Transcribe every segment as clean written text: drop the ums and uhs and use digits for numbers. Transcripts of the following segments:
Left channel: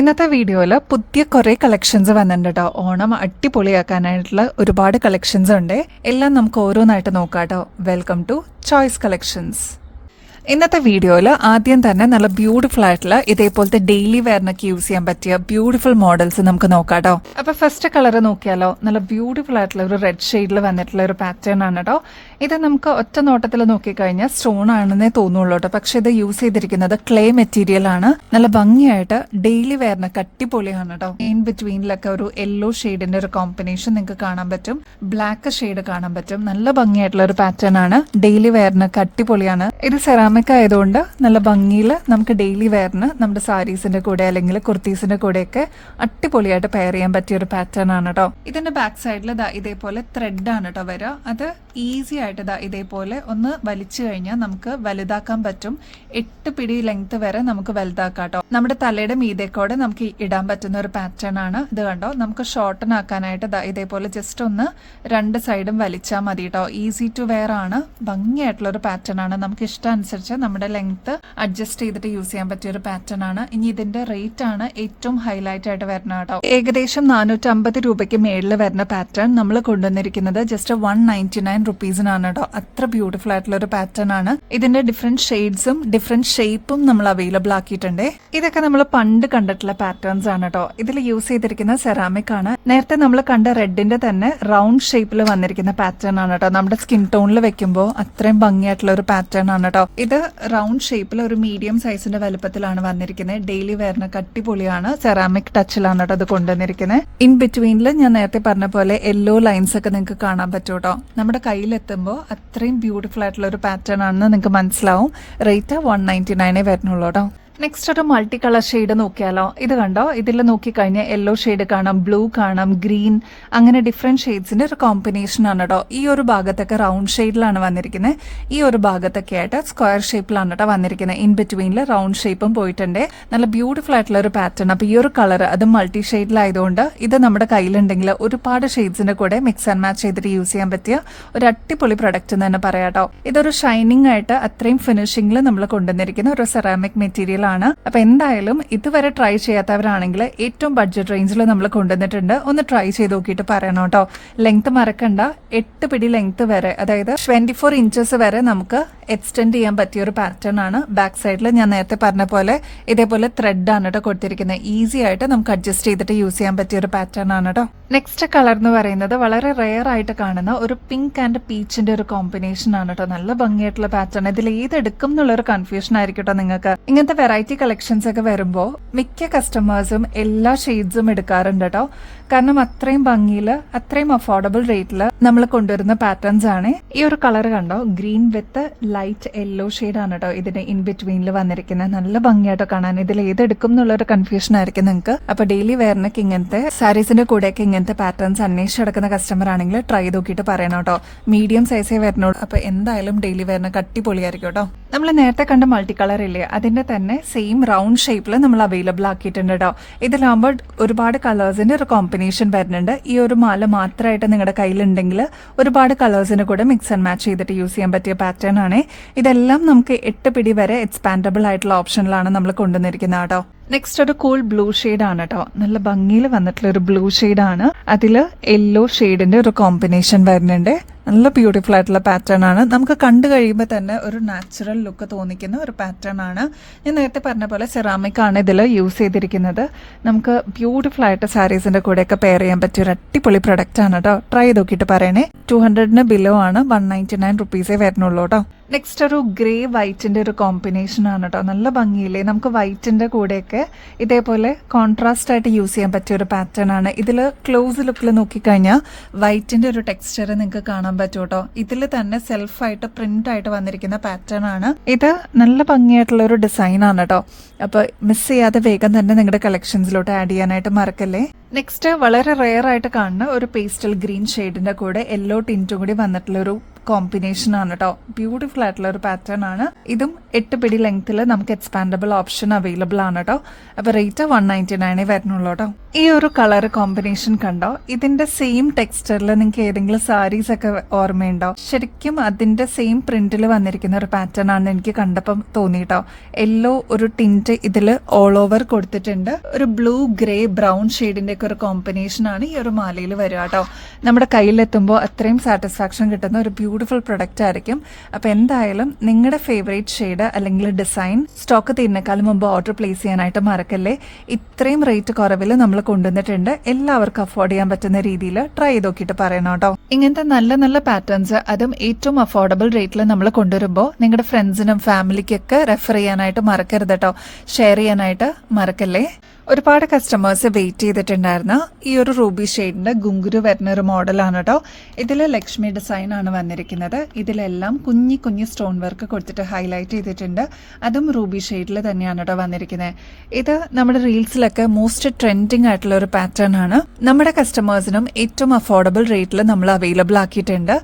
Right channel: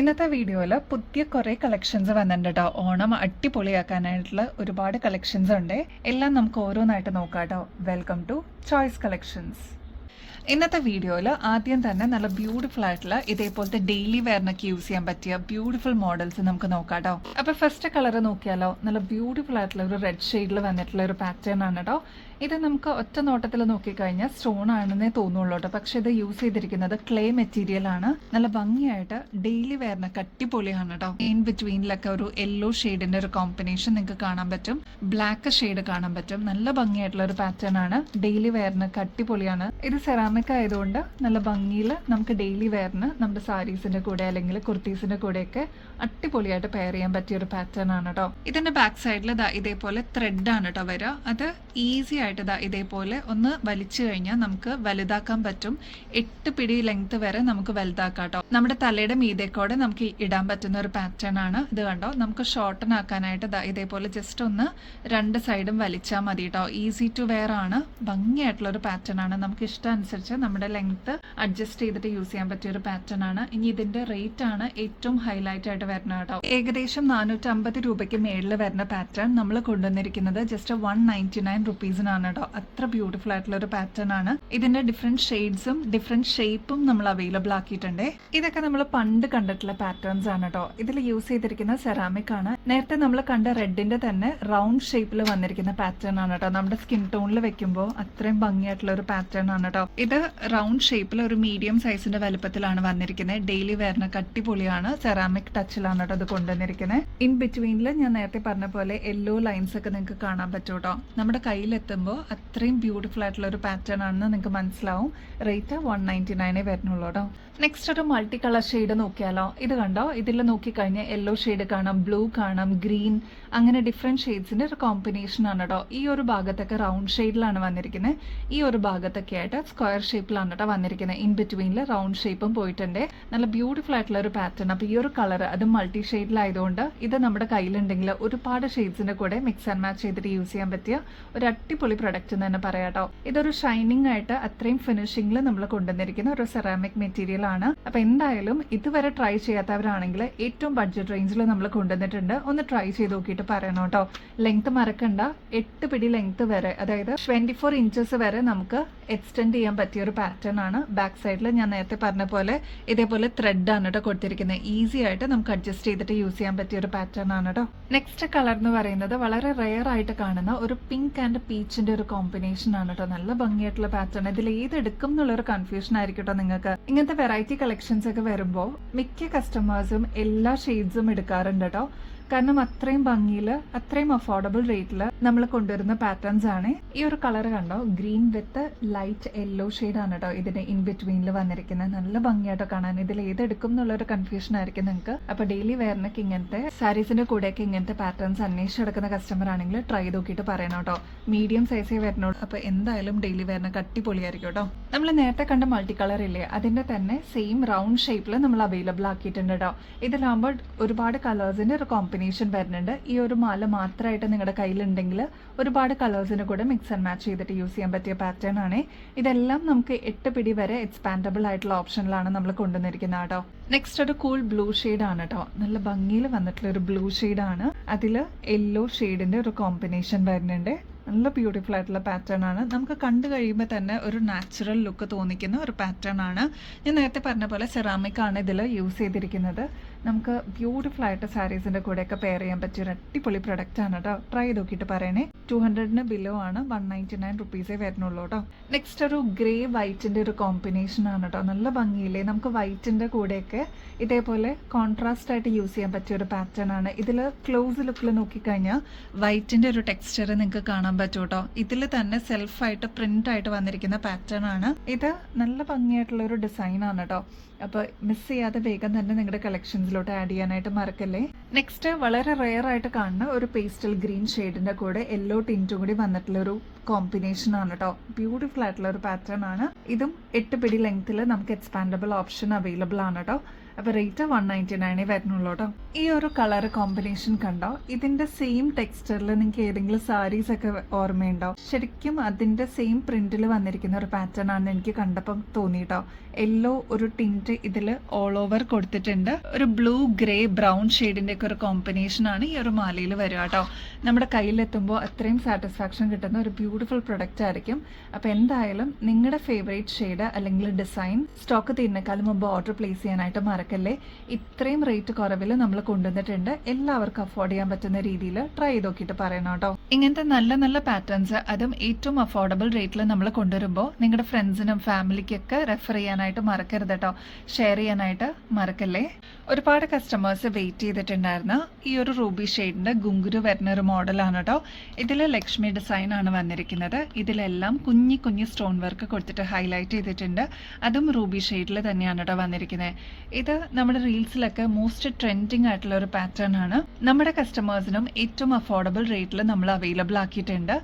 ഇന്നത്തെ വീഡിയോയിൽ പുതിയ കുറേ കളക്ഷൻസ് വന്നിട്ടുണ്ട് കേട്ടോ. ഓണം അടിപൊളിയാക്കാനായിട്ടുള്ള ഒരുപാട് കളക്ഷൻസ് ഉണ്ട്. എല്ലാം നമുക്ക് ഓരോന്നായിട്ട് നോക്കാം കേട്ടോ. Welcome to choice collections. ഇന്നത്തെ വീഡിയോയിൽ ആദ്യം തന്നെ നല്ല ബ്യൂട്ടിഫുൾ ആയിട്ടുള്ള ഇതേപോലത്തെ ഡെയിലി വെയറിനൊക്കെ യൂസ് ചെയ്യാൻ പറ്റിയ ബ്യൂട്ടിഫുൾ മോഡൽസ് നമുക്ക് നോക്കാം കേട്ടോ. അപ്പൊ ഫസ്റ്റ് കളർ നോക്കിയാലോ, നല്ല ബ്യൂട്ടിഫുൾ ആയിട്ടുള്ള ഒരു റെഡ് ഷെയ്ഡിൽ വന്നിട്ടുള്ള ഒരു പാറ്റേൺ ആണ് കേട്ടോ. ഇത് നമുക്ക് ഒറ്റ നോട്ടത്തിൽ നോക്കിക്കഴിഞ്ഞാൽ സ്റ്റോൺ ആണെന്നേ തോന്നുള്ളൂ കേട്ടോ. പക്ഷെ ഇത് യൂസ് ചെയ്തിരിക്കുന്നത് ക്ലേ മെറ്റീരിയൽ ആണ്. നല്ല ഭംഗിയായിട്ട് ഡെയിലി വെയറിനൊക്കെ അടിപൊളിയാണ് കേട്ടോ. ഇൻ ബിറ്റ്വീനിലൊക്കെ ഒരു യെല്ലോ ഷെയ്ഡിന്റെ ഒരു കോമ്പിനേഷൻ നിങ്ങൾക്ക് കാണാൻ പറ്റും, ബ്ലാക്ക് ഷെയ്ഡ് കാണാൻ പറ്റും. നല്ല ഭംഗിയായിട്ടുള്ള ഒരു പാറ്റേൺ ആണ്. ഡെയിലി വെയറിനൊക്കെ അടിപൊളിയാണ്. ഇത് സെറാമിക് ആയതുകൊണ്ട് നല്ല ഭംഗിയിൽ നമുക്ക് ഡെയിലി വെയറിന് നമ്മുടെ സാരീസിന്റെ കൂടെ അല്ലെങ്കിൽ കുർത്തീസിന്റെ കൂടെയൊക്കെ അടിപൊളിയായിട്ട് പെയർ ചെയ്യാൻ പറ്റിയ ഒരു പാറ്റേൺ ആണ് കേട്ടോ. ഇതിന്റെ ബാക്ക് സൈഡിൽ ഇതേപോലെ ത്രെഡ് ആണ് കേട്ടോ വരിക. അത് ഈസി ആയിട്ട് ഇതേപോലെ ഒന്ന് വലിച്ചു കഴിഞ്ഞാൽ നമുക്ക് വലുതാക്കാൻ പറ്റും. 8 പിടി ലെങ്ത് വരെ നമുക്ക് വലുതാക്കാം കേട്ടോ. നമ്മുടെ തലയുടെ മീതേക്കോടെ നമുക്ക് ഇടാൻ പറ്റുന്ന ഒരു പാറ്റേൺ ആണ് ഇത്. കണ്ടോ, നമുക്ക് ഷോർട്ടൺ ആക്കാനായിട്ട് ഇതേപോലെ ജസ്റ്റ് ഒന്ന് രണ്ട് സൈഡും വലിച്ചാൽ മതി കേട്ടോ. ഈസി ടു വെയർ ആണ്, ഭംഗിയായിട്ടുള്ള ഒരു പാറ്റേൺ ആണ്. നമുക്ക് ഇഷ്ടമനുസരിച്ച് നമ്മുടെ ലെങ്ത് അഡ്ജസ്റ്റ് ചെയ്തിട്ട് യൂസ് ചെയ്യാൻ പറ്റിയ ഒരു പാറ്റേൺ ആണ്. ഇനി ഇതിന്റെ റേറ്റ് ആണ് ഏറ്റവും ഹൈലൈറ്റ് ആയിട്ട് വരുന്നത് കേട്ടോ. ഏകദേശം 450 രൂപയ്ക്ക് മേളിൽ വരുന്ന പാറ്റേൺ നമ്മൾ കൊണ്ടുവന്നിരിക്കുന്നത് ജസ്റ്റ് 199 റുപ്പീസിനാണ് കേട്ടോ. അത്ര ബ്യൂട്ടിഫുൾ ആയിട്ടുള്ള ഒരു പാറ്റേൺ ആണ്. ഇതിന്റെ ഡിഫറെന്റ് ഷെയ്ഡ്സും ഡിഫറെന്റ് ഷേപ്പും നമ്മൾ അവൈലബിൾ ആക്കിയിട്ടുണ്ട്. ഇതൊക്കെ നമ്മൾ പണ്ട് കണ്ടിട്ടുള്ള പാറ്റേൺസ് ആണ് കേട്ടോ. ഇതിൽ യൂസ് ചെയ്തിരിക്കുന്ന സെറാമിക് ആണ്. നേരത്തെ നമ്മൾ കണ്ട റെഡിന്റെ തന്നെ റൗണ്ട് ഷേപ്പിൽ വന്നിരിക്കുന്ന പാറ്റേൺ ആണ് കേട്ടോ. നമ്മുടെ സ്കിൻ ടോണിൽ വെക്കുമ്പോൾ അത്രയും ഭംഗിയായിട്ടുള്ള ഒരു പാറ്റേൺ ആണ് കേട്ടോ. ഇത് റൗണ്ട് ഷേപ്പിൽ ഒരു മീഡിയം സൈസിന്റെ വലുപ്പത്തിലാണ് വന്നിരിക്കുന്നത്. ഡെയിലി വെയറിനൊക്കെ അടിപൊളിയാണ്. സെറാമിക് ടച്ചിലാണ് കേട്ടോ അത് കൊണ്ടുവന്നിരിക്കുന്നത്. ഇൻ ബിറ്റ്വീനിൽ ഞാൻ നേരത്തെ പറഞ്ഞ പോലെ യെല്ലോ ലൈൻസ് ഒക്കെ നിങ്ങൾക്ക് കാണാൻ പറ്റും കേട്ടോ. നമ്മുടെ കയ്യിലെത്തുമ്പോൾ അത്രയും ബ്യൂട്ടിഫുൾ ആയിട്ടുള്ള ഒരു പാറ്റേൺ ആണെന്ന് നിങ്ങൾക്ക് മനസ്സിലാവും. റേറ്റ് 199 വരുന്നുള്ളൂ കേട്ടോ. നെക്സ്റ്റ് ഒരു മൾട്ടി കളർ ഷെയ്ഡ് നോക്കിയാലോ. ഇത് കണ്ടോ, ഇതിൽ നോക്കിക്കഴിഞ്ഞാൽ യെല്ലോ ഷെയ്ഡ് കാണാം, ബ്ലൂ കാണാം, ഗ്രീൻ, അങ്ങനെ ഡിഫറെന്റ് ഷെയ്ഡ്സിന്റെ ഒരു കോമ്പിനേഷൻ ആണ് കേട്ടോ. ഈ ഒരു ഭാഗത്തൊക്കെ റൗണ്ട് ഷെയ്ഡിലാണ് വന്നിരിക്കുന്നത്. ഈ ഒരു ഭാഗത്തൊക്കെ ആയിട്ട് സ്ക്വയർ ഷേപ്പിലാണ് കേട്ടോ വന്നിരിക്കുന്നത്. ഇൻ ബിറ്റ്വീനിൽ റൗണ്ട് ഷേപ്പും പോയിട്ടുണ്ട്. നല്ല ബ്യൂട്ടിഫുൾ ആയിട്ടുള്ള ഒരു പാറ്റേൺ. അപ്പൊ ഈ ഒരു കളർ അത് മൾട്ടി ഷെയ്ഡിലായതുകൊണ്ട് ഇത് നമ്മുടെ കയ്യിലുണ്ടെങ്കിൽ ഒരുപാട് ഷെയ്ഡ്സിന്റെ കൂടെ മിക്സ് ആൻഡ് മാച്ച് ചെയ്തിട്ട് യൂസ് ചെയ്യാൻ പറ്റിയ ഒരു അടിപൊളി പ്രൊഡക്റ്റ് എന്ന് തന്നെ പറയാം കേട്ടോ. ഇതൊരു ഷൈനിങ് ആയിട്ട് അത്രയും ഫിനിഷിംഗിൽ നമ്മൾ കൊണ്ടുവന്നിരിക്കുന്ന ഒരു സെറാമിക് മെറ്റീരിയൽ ആണ്. അപ്പൊ എന്തായാലും ഇതുവരെ ട്രൈ ചെയ്യാത്തവരാണെങ്കിൽ ഏറ്റവും ബഡ്ജറ്റ് റേഞ്ചിൽ നമ്മൾ കൊണ്ടുവന്നിട്ടുണ്ട്. ഒന്ന് ട്രൈ ചെയ്ത് നോക്കിയിട്ട് പറയണം കേട്ടോ. ലെങ്ത് മറക്കണ്ട, 8 പിടി ലെങ്ത് വരെ, അതായത് 24 ഇഞ്ചസ് വരെ നമുക്ക് എക്സ്റ്റെൻഡ് ചെയ്യാൻ പറ്റിയ ഒരു പാറ്റേൺ ആണ്. ബാക്ക് സൈഡിൽ ഞാൻ നേരത്തെ പറഞ്ഞ പോലെ ഇതേപോലെ ത്രെഡ് ആണ് കേട്ടോ കൊടുത്തിരിക്കുന്നത്. ഈസി ആയിട്ട് നമുക്ക് അഡ്ജസ്റ്റ് ചെയ്തിട്ട് യൂസ് ചെയ്യാൻ പറ്റിയ ഒരു പാറ്റേൺ ആണ് കേട്ടോ. നെക്സ്റ്റ് കളർ എന്ന് പറയുന്നത് വളരെ റെയർ ആയിട്ട് കാണുന്ന ഒരു പിങ്ക് ആൻഡ് പീച്ചിന്റെ ഒരു കോമ്പിനേഷൻ ആണ് കേട്ടോ. നല്ല ഭംഗിയായിട്ടുള്ള പാറ്റേൺ. ഇതിൽ ഏതെടുക്കും എന്നുള്ള ഒരു കൺഫ്യൂഷൻ ആയിരിക്കും കേട്ടോ നിങ്ങൾക്ക്. ഇങ്ങനത്തെ വെറൈറ്റി കളക്ഷൻസ് ഒക്കെ വരുമ്പോൾ മിക്ക കസ്റ്റമേഴ്സും എല്ലാ ഷെയ്ഡ്സും എടുക്കാറുണ്ട് കേട്ടോ. കാരണം അത്രയും ഭംഗിയിൽ അത്രയും അഫോർഡബിൾ റേറ്റിൽ നമ്മൾ കൊണ്ടുവരുന്ന പാറ്റേൺസ് ആണ്. ഈ ഒരു കളർ കണ്ടോ, green with light yellow shade ആണ് കേട്ടോ ഇതിന്റെ ഇൻ ബിറ്റ്വീനിൽ വന്നിരിക്കുന്നത്. നല്ല ഭംഗിയായിട്ടോ കാണാൻ. ഇതിൽ ഏതെടുക്കും എന്നുള്ള ഒരു കൺഫ്യൂഷൻ ആയിരിക്കും നിങ്ങൾക്ക്. അപ്പൊ ഡെയിലി വെയറിനൊക്കെ ഇങ്ങനത്തെ സാരീസിന്റെ കൂടെയൊക്കെ ഇങ്ങനത്തെ പാറ്റേൺസ് അന്വേഷിച്ചെടുക്കുന്ന കസ്റ്റമർ ആണെങ്കിൽ ട്രൈ നോക്കിയിട്ട് പറയണം കേട്ടോ. മീഡിയം സൈസേ വരുന്നുള്ളൂ. അപ്പൊ എന്തായാലും ഡെയിലി വെയറിനൊക്കെ അടിപൊളിയായിരിക്കും കേട്ടോ. നമ്മൾ നേരത്തെ കണ്ട മൾട്ടി കളർ ഇല്ലേ, അതിന്റെ തന്നെ സെയിം റൗണ്ട് ഷേപ്പിൽ നമ്മൾ അവൈലബിൾ ആക്കിയിട്ടുണ്ട് കേട്ടോ. ഇതിലാകുമ്പോൾ ഒരുപാട് കളേഴ്സിന്റെ ഒരു കോമ്പിനേഷൻ വരുന്നുണ്ട്. ഈ ഒരു മാല മാത്രമായിട്ട് നിങ്ങളുടെ കയ്യിലുണ്ടെങ്കിൽ ഒരുപാട് കളേഴ്സിന് കൂടെ മിക്സ് ആൻഡ് മാച്ച് ചെയ്തിട്ട് യൂസ് ചെയ്യാൻ പറ്റിയ പാറ്റേൺ ആണ്. ഇതെല്ലാം നമുക്ക് 8 പിടി വരെ എക്സ്പാൻഡബിൾ ആയിട്ടുള്ള ഓപ്ഷനിലാണ് നമ്മൾ കൊണ്ടുവന്നിരിക്കുന്നത് കേട്ടോ. നെക്സ്റ്റ് ഒരു കൂൾ ബ്ലൂ ഷെയ്ഡ് ആണ് കേട്ടോ. നല്ല ഭംഗിയിൽ വന്നിട്ടുള്ള ഒരു ബ്ലൂ ഷെയ്ഡ് ആണ്. അതില് യെല്ലോ ഷെയ്ഡിന്റെ ഒരു കോമ്പിനേഷൻ വരുന്നുണ്ട്. നല്ല ബ്യൂട്ടിഫുൾ ആയിട്ടുള്ള പാറ്റേൺ ആണ്. നമുക്ക് കണ്ടു കഴിയുമ്പോൾ തന്നെ ഒരു നാച്ചുറൽ ലുക്ക് തോന്നിക്കുന്ന ഒരു പാറ്റേൺ ആണ്. ഞാൻ നേരത്തെ പറഞ്ഞ പോലെ സെറാമിക് ആണ് ഇതിൽ യൂസ് ചെയ്തിരിക്കുന്നത്. നമുക്ക് ബ്യൂട്ടിഫുൾ ആയിട്ട് സാരീസിന്റെ കൂടെയൊക്കെ പെയർ ചെയ്യാൻ പറ്റിയ ഒരു അടിപൊളി പ്രൊഡക്റ്റ് ആണ് കേട്ടോ. ട്രൈ നോക്കിയിട്ട് പറയണേ. 200 ബിലോ ആണ്, 199 റുപ്പീസേ വരുന്നുള്ളൂ കേട്ടോ. നെക്സ്റ്റ് ഒരു ഗ്രേ വൈറ്റിന്റെ ഒരു കോമ്പിനേഷൻ ആണ് കേട്ടോ. നല്ല ഭംഗിയില്ലേ. നമുക്ക് വൈറ്റിന്റെ കൂടെയൊക്കെ ഇതേപോലെ കോൺട്രാസ്റ്റ് ആയിട്ട് യൂസ് ചെയ്യാൻ പറ്റിയ ഒരു പാറ്റേൺ ആണ്. ഇതിൽ ക്ലോസ് ലുക്കിൽ നോക്കിക്കഴിഞ്ഞാൽ വൈറ്റിന്റെ ഒരു ടെക്സ്ചർ നിങ്ങൾക്ക് കാണാൻ പറ്റും കേട്ടോ. ഇതിൽ തന്നെ സെൽഫായിട്ട് പ്രിന്റ് ആയിട്ട് വന്നിരിക്കുന്ന പാറ്റേൺ ആണ്. ഇത് നല്ല ഭംഗിയായിട്ടുള്ള ഒരു ഡിസൈൻ ആണ് കേട്ടോ. അപ്പൊ മിസ് ചെയ്യാതെ വേഗം തന്നെ നിങ്ങളുടെ കളക്ഷൻസിലോട്ട് ആഡ് ചെയ്യാനായിട്ട് മറക്കല്ലേ. നെക്സ്റ്റ് വളരെ റെയർ ആയിട്ട് കാണുന്ന ഒരു പേസ്റ്റൽ ഗ്രീൻ ഷെയ്ഡിന്റെ കൂടെ യെല്ലോ ടിന്റും കൂടി വന്നിട്ടുള്ള ഒരു കോമ്പിനേഷൻ ആണ് കേട്ടോ. ബ്യൂട്ടിഫുൾ ആയിട്ടുള്ള ഒരു പാറ്റേൺ ആണ്. ഇതും 8 പിടി ലെങ്ത്തിൽ നമുക്ക് എക്സ്പാൻഡബിൾ ഓപ്ഷൻ അവൈലബിൾ ആണ് കേട്ടോ. അപ്പൊ റേറ്റ് 199 വരുന്നുള്ളൂ കേട്ടോ. ഈ ഒരു കളർ കോമ്പിനേഷൻ കണ്ടോ? ഇതിന്റെ സെയിം ടെക്സ്ചറിൽ നിങ്ങൾക്ക് ഏതെങ്കിലും സാരീസ് ഒക്കെ ഓർമ്മയുണ്ടോ? ശരിക്കും അതിന്റെ സെയിം പ്രിന്റിൽ വന്നിരിക്കുന്ന ഒരു പാറ്റേൺ ആണ് എനിക്ക് കണ്ടപ്പം തോന്നിട്ടോ. യെല്ലോ ഒരു ടിന്റ് ഇതിൽ ഓൾ ഓവർ കൊടുത്തിട്ടുണ്ട്. ഒരു ബ്ലൂ ഗ്രേ ബ്രൗൺ ഷെയ്ഡിന്റെ ഒക്കെ ഒരു കോമ്പിനേഷൻ ആണ് ഈ ഒരു മാലയിൽ വരിക കേട്ടോ. നമ്മുടെ കയ്യിലെത്തുമ്പോൾ അത്രയും സാറ്റിസ്ഫാക്ഷൻ കിട്ടുന്ന ഒരു ബ്യൂട്ടിഫുൾ പ്രൊഡക്റ്റ് ആയിരിക്കും. അപ്പൊ എന്തായാലും നിങ്ങളുടെ ഫേവറേറ്റ് ഷെയ്ഡ് അല്ലെങ്കിൽ ഡിസൈൻ സ്റ്റോക്ക് തീരുന്നേക്കാളും മുമ്പ് ഓർഡർ പ്ലേസ് ചെയ്യാനായിട്ട് മറക്കല്ലേ. ഇത്രയും റേറ്റ് കുറവിൽ നമ്മൾ കൊണ്ടുവന്നിട്ടുണ്ട്. എല്ലാവർക്കും അഫോർഡ് ചെയ്യാൻ പറ്റുന്ന രീതിയിൽ ട്രൈ ചെയ്ത് നോക്കിയിട്ട് പറയണം കേട്ടോ. ഇങ്ങനത്തെ നല്ല നല്ല പാറ്റേൺസ് അതും ഏറ്റവും അഫോർഡബിൾ റേറ്റിൽ നമ്മൾ കൊണ്ടുവരുമ്പോൾ നിങ്ങളുടെ ഫ്രണ്ട്സിനും ഫാമിലിക്കൊക്കെ റെഫർ ചെയ്യാനായിട്ട് മറക്കരുത് കേട്ടോ. ഷെയർ ചെയ്യാനായിട്ട് മറക്കല്ലേ. ഒരുപാട് കസ്റ്റമേഴ്സ് വെയിറ്റ് ചെയ്തിട്ടുണ്ടായിരുന്നു. ഈ ഒരു റൂബി ഷെയ്ഡിന്റെ ഗുങ്കുരു വരുന്ന ഒരു മോഡലാണ് കേട്ടോ. ഇതിൽ ലക്ഷ്മി ഡിസൈൻ ആണ് വന്നിരിക്കുന്നത്. ഇതിലെല്ലാം കുഞ്ഞി കുഞ്ഞി സ്റ്റോൺ വർക്ക് കൊടുത്തിട്ട് ഹൈലൈറ്റ് ചെയ്തിട്ടുണ്ട്. അതും റൂബി ഷെയ്ഡിൽ തന്നെയാണ് കേട്ടോ വന്നിരിക്കുന്നത്. ഇത് നമ്മുടെ റീൽസിലൊക്കെ മോസ്റ്റ് ട്രെൻഡിങ് ആയിട്ടുള്ള ഒരു പാറ്റേൺ ആണ്. നമ്മുടെ കസ്റ്റമേഴ്സിനും ഏറ്റവും അഫോർഡബിൾ റേറ്റിൽ നമ്മൾ അവൈലബിൾ ആക്കിയിട്ടുണ്ട്.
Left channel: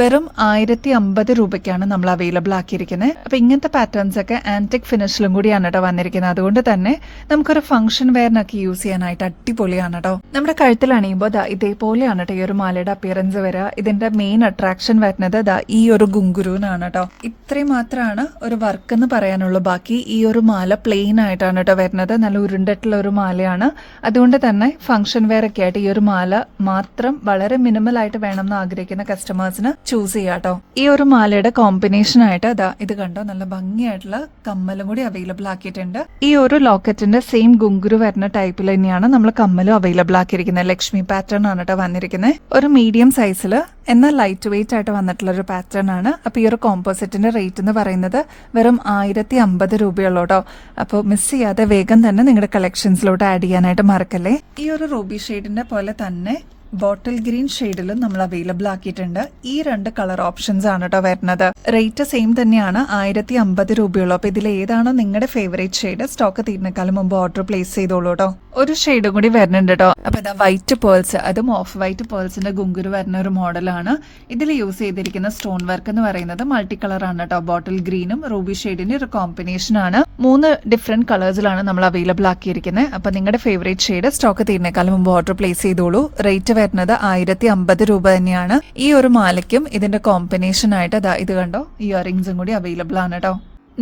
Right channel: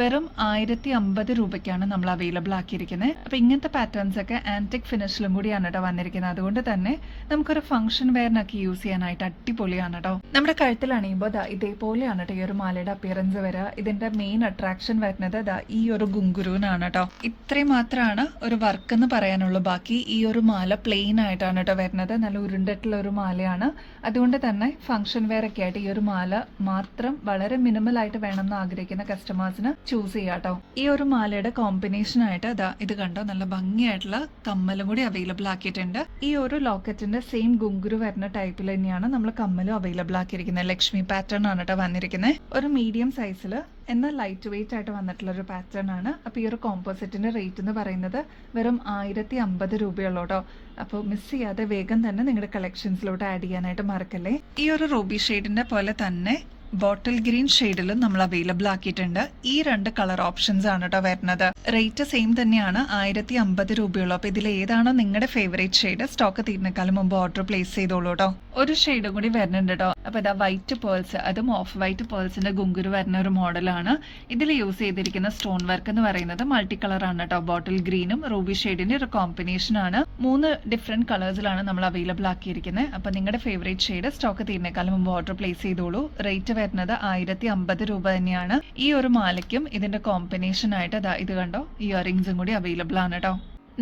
വെറും 1050 രൂപയ്ക്കാണ് നമ്മൾ അവൈലബിൾ ആക്കിയിരിക്കുന്നത്. അപ്പൊ ഇങ്ങനത്തെ പാറ്റേൺസ് ഒക്കെ ആന്റിക് ഫിനിഷിലും കൂടിയാണ് കേട്ടോ വന്നിരിക്കുന്നത്. അതുകൊണ്ട് തന്നെ നമുക്കൊരു ഫംഗ്ഷൻ വെയറിനൊക്കെ യൂസ് ചെയ്യാനായിട്ട് അടിപൊളിയാണ് കേട്ടോ. നമ്മുടെ കഴുത്തിൽ അണിയുമ്പോൾ ഇതേപോലെയാണ് കേട്ടോ ഈ ഒരു മാലയുടെ അപ്പിയറൻസ് വരിക. ഇതിന്റെ മെയിൻ അട്രാക്ഷൻ വരുന്നത് ഈ ഒരു ഗുങ്കുരുവിനാണ് കേട്ടോ. ഇത്രയും മാത്രമാണ് ഒരു വർക്ക് എന്ന് പറയാനുള്ളൂ. ബാക്കി ഈ ഒരു മാല പ്ലെയിൻ ആയിട്ടാണ് കേട്ടോ വരുന്നത്. നല്ല ഉരുണ്ടിട്ടുള്ള ഒരു മാലയാണ്. അതുകൊണ്ട് തന്നെ ഫംഗ്ഷൻ വെയർ ഒക്കെ ആയിട്ട് ഈ ഒരു മാല മാത്രം വളരെ മിനിമൽ ആയിട്ട് വേണം എന്ന് ആഗ്രഹിക്കുന്ന കസ്റ്റമേഴ്സിന് ചൂസ് ചെയ്യാം കേട്ടോ. ഈ ഒരു മാലയുടെ കോമ്പിനേഷൻ ആയിട്ട് ഇത് കണ്ടോ നല്ല ഭംഗിയായിട്ടുള്ള കമ്മലും കൂടി അവൈലബിൾ ആക്കിയിട്ടുണ്ട്. ഈ ഒരു ലോക്കറ്റിന്റെ സെയിം ഗുങ്കുരു വരുന്ന ടൈപ്പിൽ തന്നെയാണ് നമ്മൾ കമ്മലും അവൈലബിൾ ആക്കിയിരിക്കുന്നത്. ലക്ഷ്മി പാറ്റേൺ ആണ് കേട്ടോ വന്നിരിക്കുന്നത്. ഒരു മീഡിയം സൈസിൽ എന്നാൽ ലൈറ്റ് വെയിറ്റ് ആയിട്ട് വന്നിട്ടുള്ള ഒരു പാറ്റേൺ ആണ്. അപ്പൊ ഈ ഒരു കോമ്പോസിറ്റിന്റെ റേറ്റ് എന്ന് പറയുന്നത് വെറും 1050 രൂപയുള്ളൂ കേട്ടോ. അപ്പോൾ മിസ് ചെയ്യാതെ വേഗം തന്നെ നിങ്ങളുടെ കളക്ഷൻസിലോട്ട് ആഡ് ചെയ്യാനായിട്ട് മറക്കല്ലേ. ഈ ഒരു റൂബി ഷെയ്ഡിന്റെ പോലെ തന്നെ ബോട്ടിൽ ഗ്രീൻ ഷെയ്ഡിലും നമ്മൾ അവൈലബിൾ ആക്കിയിട്ടുണ്ട്. ഈ 2 കളർ ഓപ്ഷൻസ് ആണ് കേട്ടോ വരുന്നത്. റേറ്റ് സെയിം തന്നെയാണ്, 1050 രൂപയുള്ളൂ. അപ്പൊ ഇതിൽ ഏതാണോ നിങ്ങളുടെ ഫേവറേറ്റ് ഷെയ്ഡ് സ്റ്റോക്ക് തീരുന്നേക്കാളും മുമ്പ് ഓർഡർ പ്ലേസ് ചെയ്തോളൂ കേട്ടോ. ഒരു ഷെയ്ഡും കൂടി വരുന്നുണ്ട് കേട്ടോ. അപ്പൊ വൈറ്റ് പേൾസ്, അതും ഓഫ് വൈറ്റ് പേൾസിന്റെ ഗുങ്കുരു വരുന്ന ഒരു മോഡലാണ്. ഇതിൽ യൂസ് ചെയ്തിരിക്കുന്ന സ്റ്റോൺ വർക്ക് എന്ന് പറയുന്നത് മൾട്ടി കളർ ആണ് കേട്ടോ. ബോട്ടിൽ ഗ്രീനും റൂബി ഷെയ്ഡിന്റെ ഒരു കോമ്പിനേഷൻ ആണ്. 3 ഡിഫറെന്റ് കളേഴ്സിലാണ് നമ്മൾ അവൈലബിൾ ആക്കിയിരിക്കുന്നത്. അപ്പൊ നിങ്ങളുടെ ഫേവറേറ്റ് ഷെയ്ഡ് സ്റ്റോക്ക് തീരുന്നേക്കാളും മുമ്പ് ഓർഡർ പ്ലേസ് ചെയ്തോളൂ. റേറ്റ് വരുന്നത് 1050 രൂപ തന്നെയാണ്. ഈ ഒരു മാലയ്ക്കും ഇതിന്റെ കോമ്പിനേഷൻ ആയിട്ട് ഇത് കണ്ടോ ഇയറിംഗ്സും കൂടി അവൈലബിൾ ആണ് കേട്ടോ.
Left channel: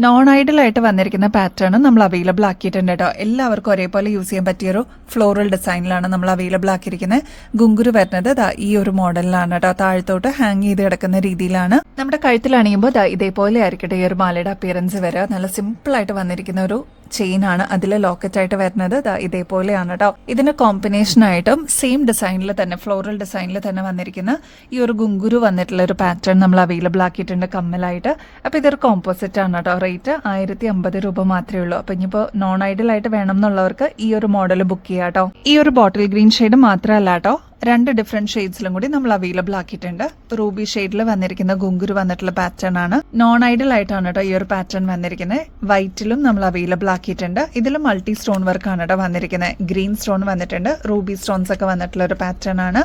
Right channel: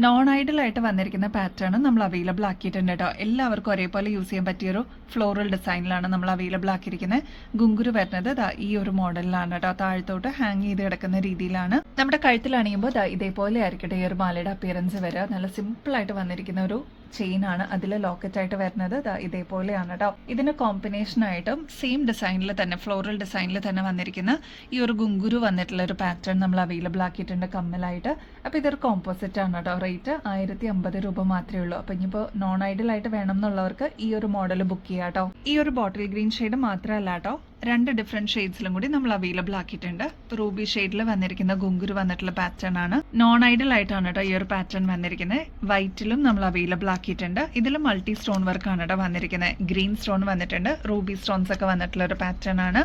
നോൺ ഐഡൽ ആയിട്ട് വന്നിരിക്കുന്ന പാറ്റേൺ നമ്മൾ അവൈലബിൾ ആക്കിയിട്ടുണ്ട് കേട്ടോ. എല്ലാവർക്കും ഒരേപോലെ യൂസ് ചെയ്യാൻ പറ്റിയൊരു ഫ്ലോറൽ ഡിസൈനിലാണ് നമ്മൾ അവൈലബിൾ ആക്കിയിരിക്കുന്നത്. ഗുങ്കുരു വരുന്നത് ഈ ഒരു മോഡലിലാണ് കേട്ടോ. താഴത്തോട്ട് ഹാങ് ചെയ്ത് കിടക്കുന്ന രീതിയിലാണ്. നമ്മുടെ കഴുത്തിൽ അണിയുമ്പോൾ ഇതേപോലെ ആയിരിക്കട്ടെ ഈ ഒരു മാലയുടെ അപ്പിയറൻസ് വരിക. നല്ല സിമ്പിൾ ആയിട്ട് വന്നിരിക്കുന്ന ഒരു ചെയിൻ ആണ്. അതിൽ ലോക്കറ്റ് ആയിട്ട് വരുന്നത് ഇതേപോലെയാണ് കേട്ടോ. ഇതിന് കോമ്പിനേഷൻ ആയിട്ടും സെയിം ഡിസൈനിൽ തന്നെ ഫ്ലോറൽ ഡിസൈനിൽ തന്നെ വന്നിരിക്കുന്ന ഈ ഒരു ഗുങ്കുരു വന്നിട്ടുള്ള ഒരു പാറ്റേൺ നമ്മൾ അവൈലബിൾ ആക്കിയിട്ടുണ്ട് കമ്മലായിട്ട്. അപ്പൊ ഇതൊരു കോമ്പോസിറ്റ് ആണ് കേട്ടോ. റേറ്റ് 1050 രൂപ മാത്രമേ ഉള്ളൂ. അപ്പൊ ഇനിയിപ്പോൾ നോൺ ഐഡൽ ആയിട്ട് വേണം എന്നുള്ളവർക്ക് ഈ ഒരു മോഡൽ ബുക്ക് ചെയ്യാം കേട്ടോ. ഈ ഒരു ബോട്ടിൽ ഗ്രീൻ ഷെയ്ഡ് മാത്രമല്ല കേട്ടോ, 2 ഡിഫറെന്റ് ഷെയ്ഡ്സിലും കൂടി നമ്മൾ അവൈലബിൾ ആക്കിയിട്ടുണ്ട്. റൂബി ഷെയ്ഡിൽ വന്നിരിക്കുന്ന ഗുങ്കുരു വന്നിട്ടുള്ള പാറ്റേൺ ആണ്. നോൺ ഐഡൽ ആയിട്ടാണ് കേട്ടോ ഈ ഒരു പാറ്റേൺ വന്നിരിക്കുന്നത്. വൈറ്റിലും നമ്മൾ അവൈലബിൾ ആക്കിയിട്ടുണ്ട്. ഇതിൽ മൾട്ടി സ്റ്റോൺ വർക്ക് ആണ് കേട്ടോ വന്നിരിക്കുന്നത്. ഗ്രീൻ സ്റ്റോൺ വന്നിട്ടുണ്ട്, റൂബി സ്റ്റോൺസ് ഒക്കെ വന്നിട്ടുള്ള ഒരു പാറ്റേൺ ആണ്.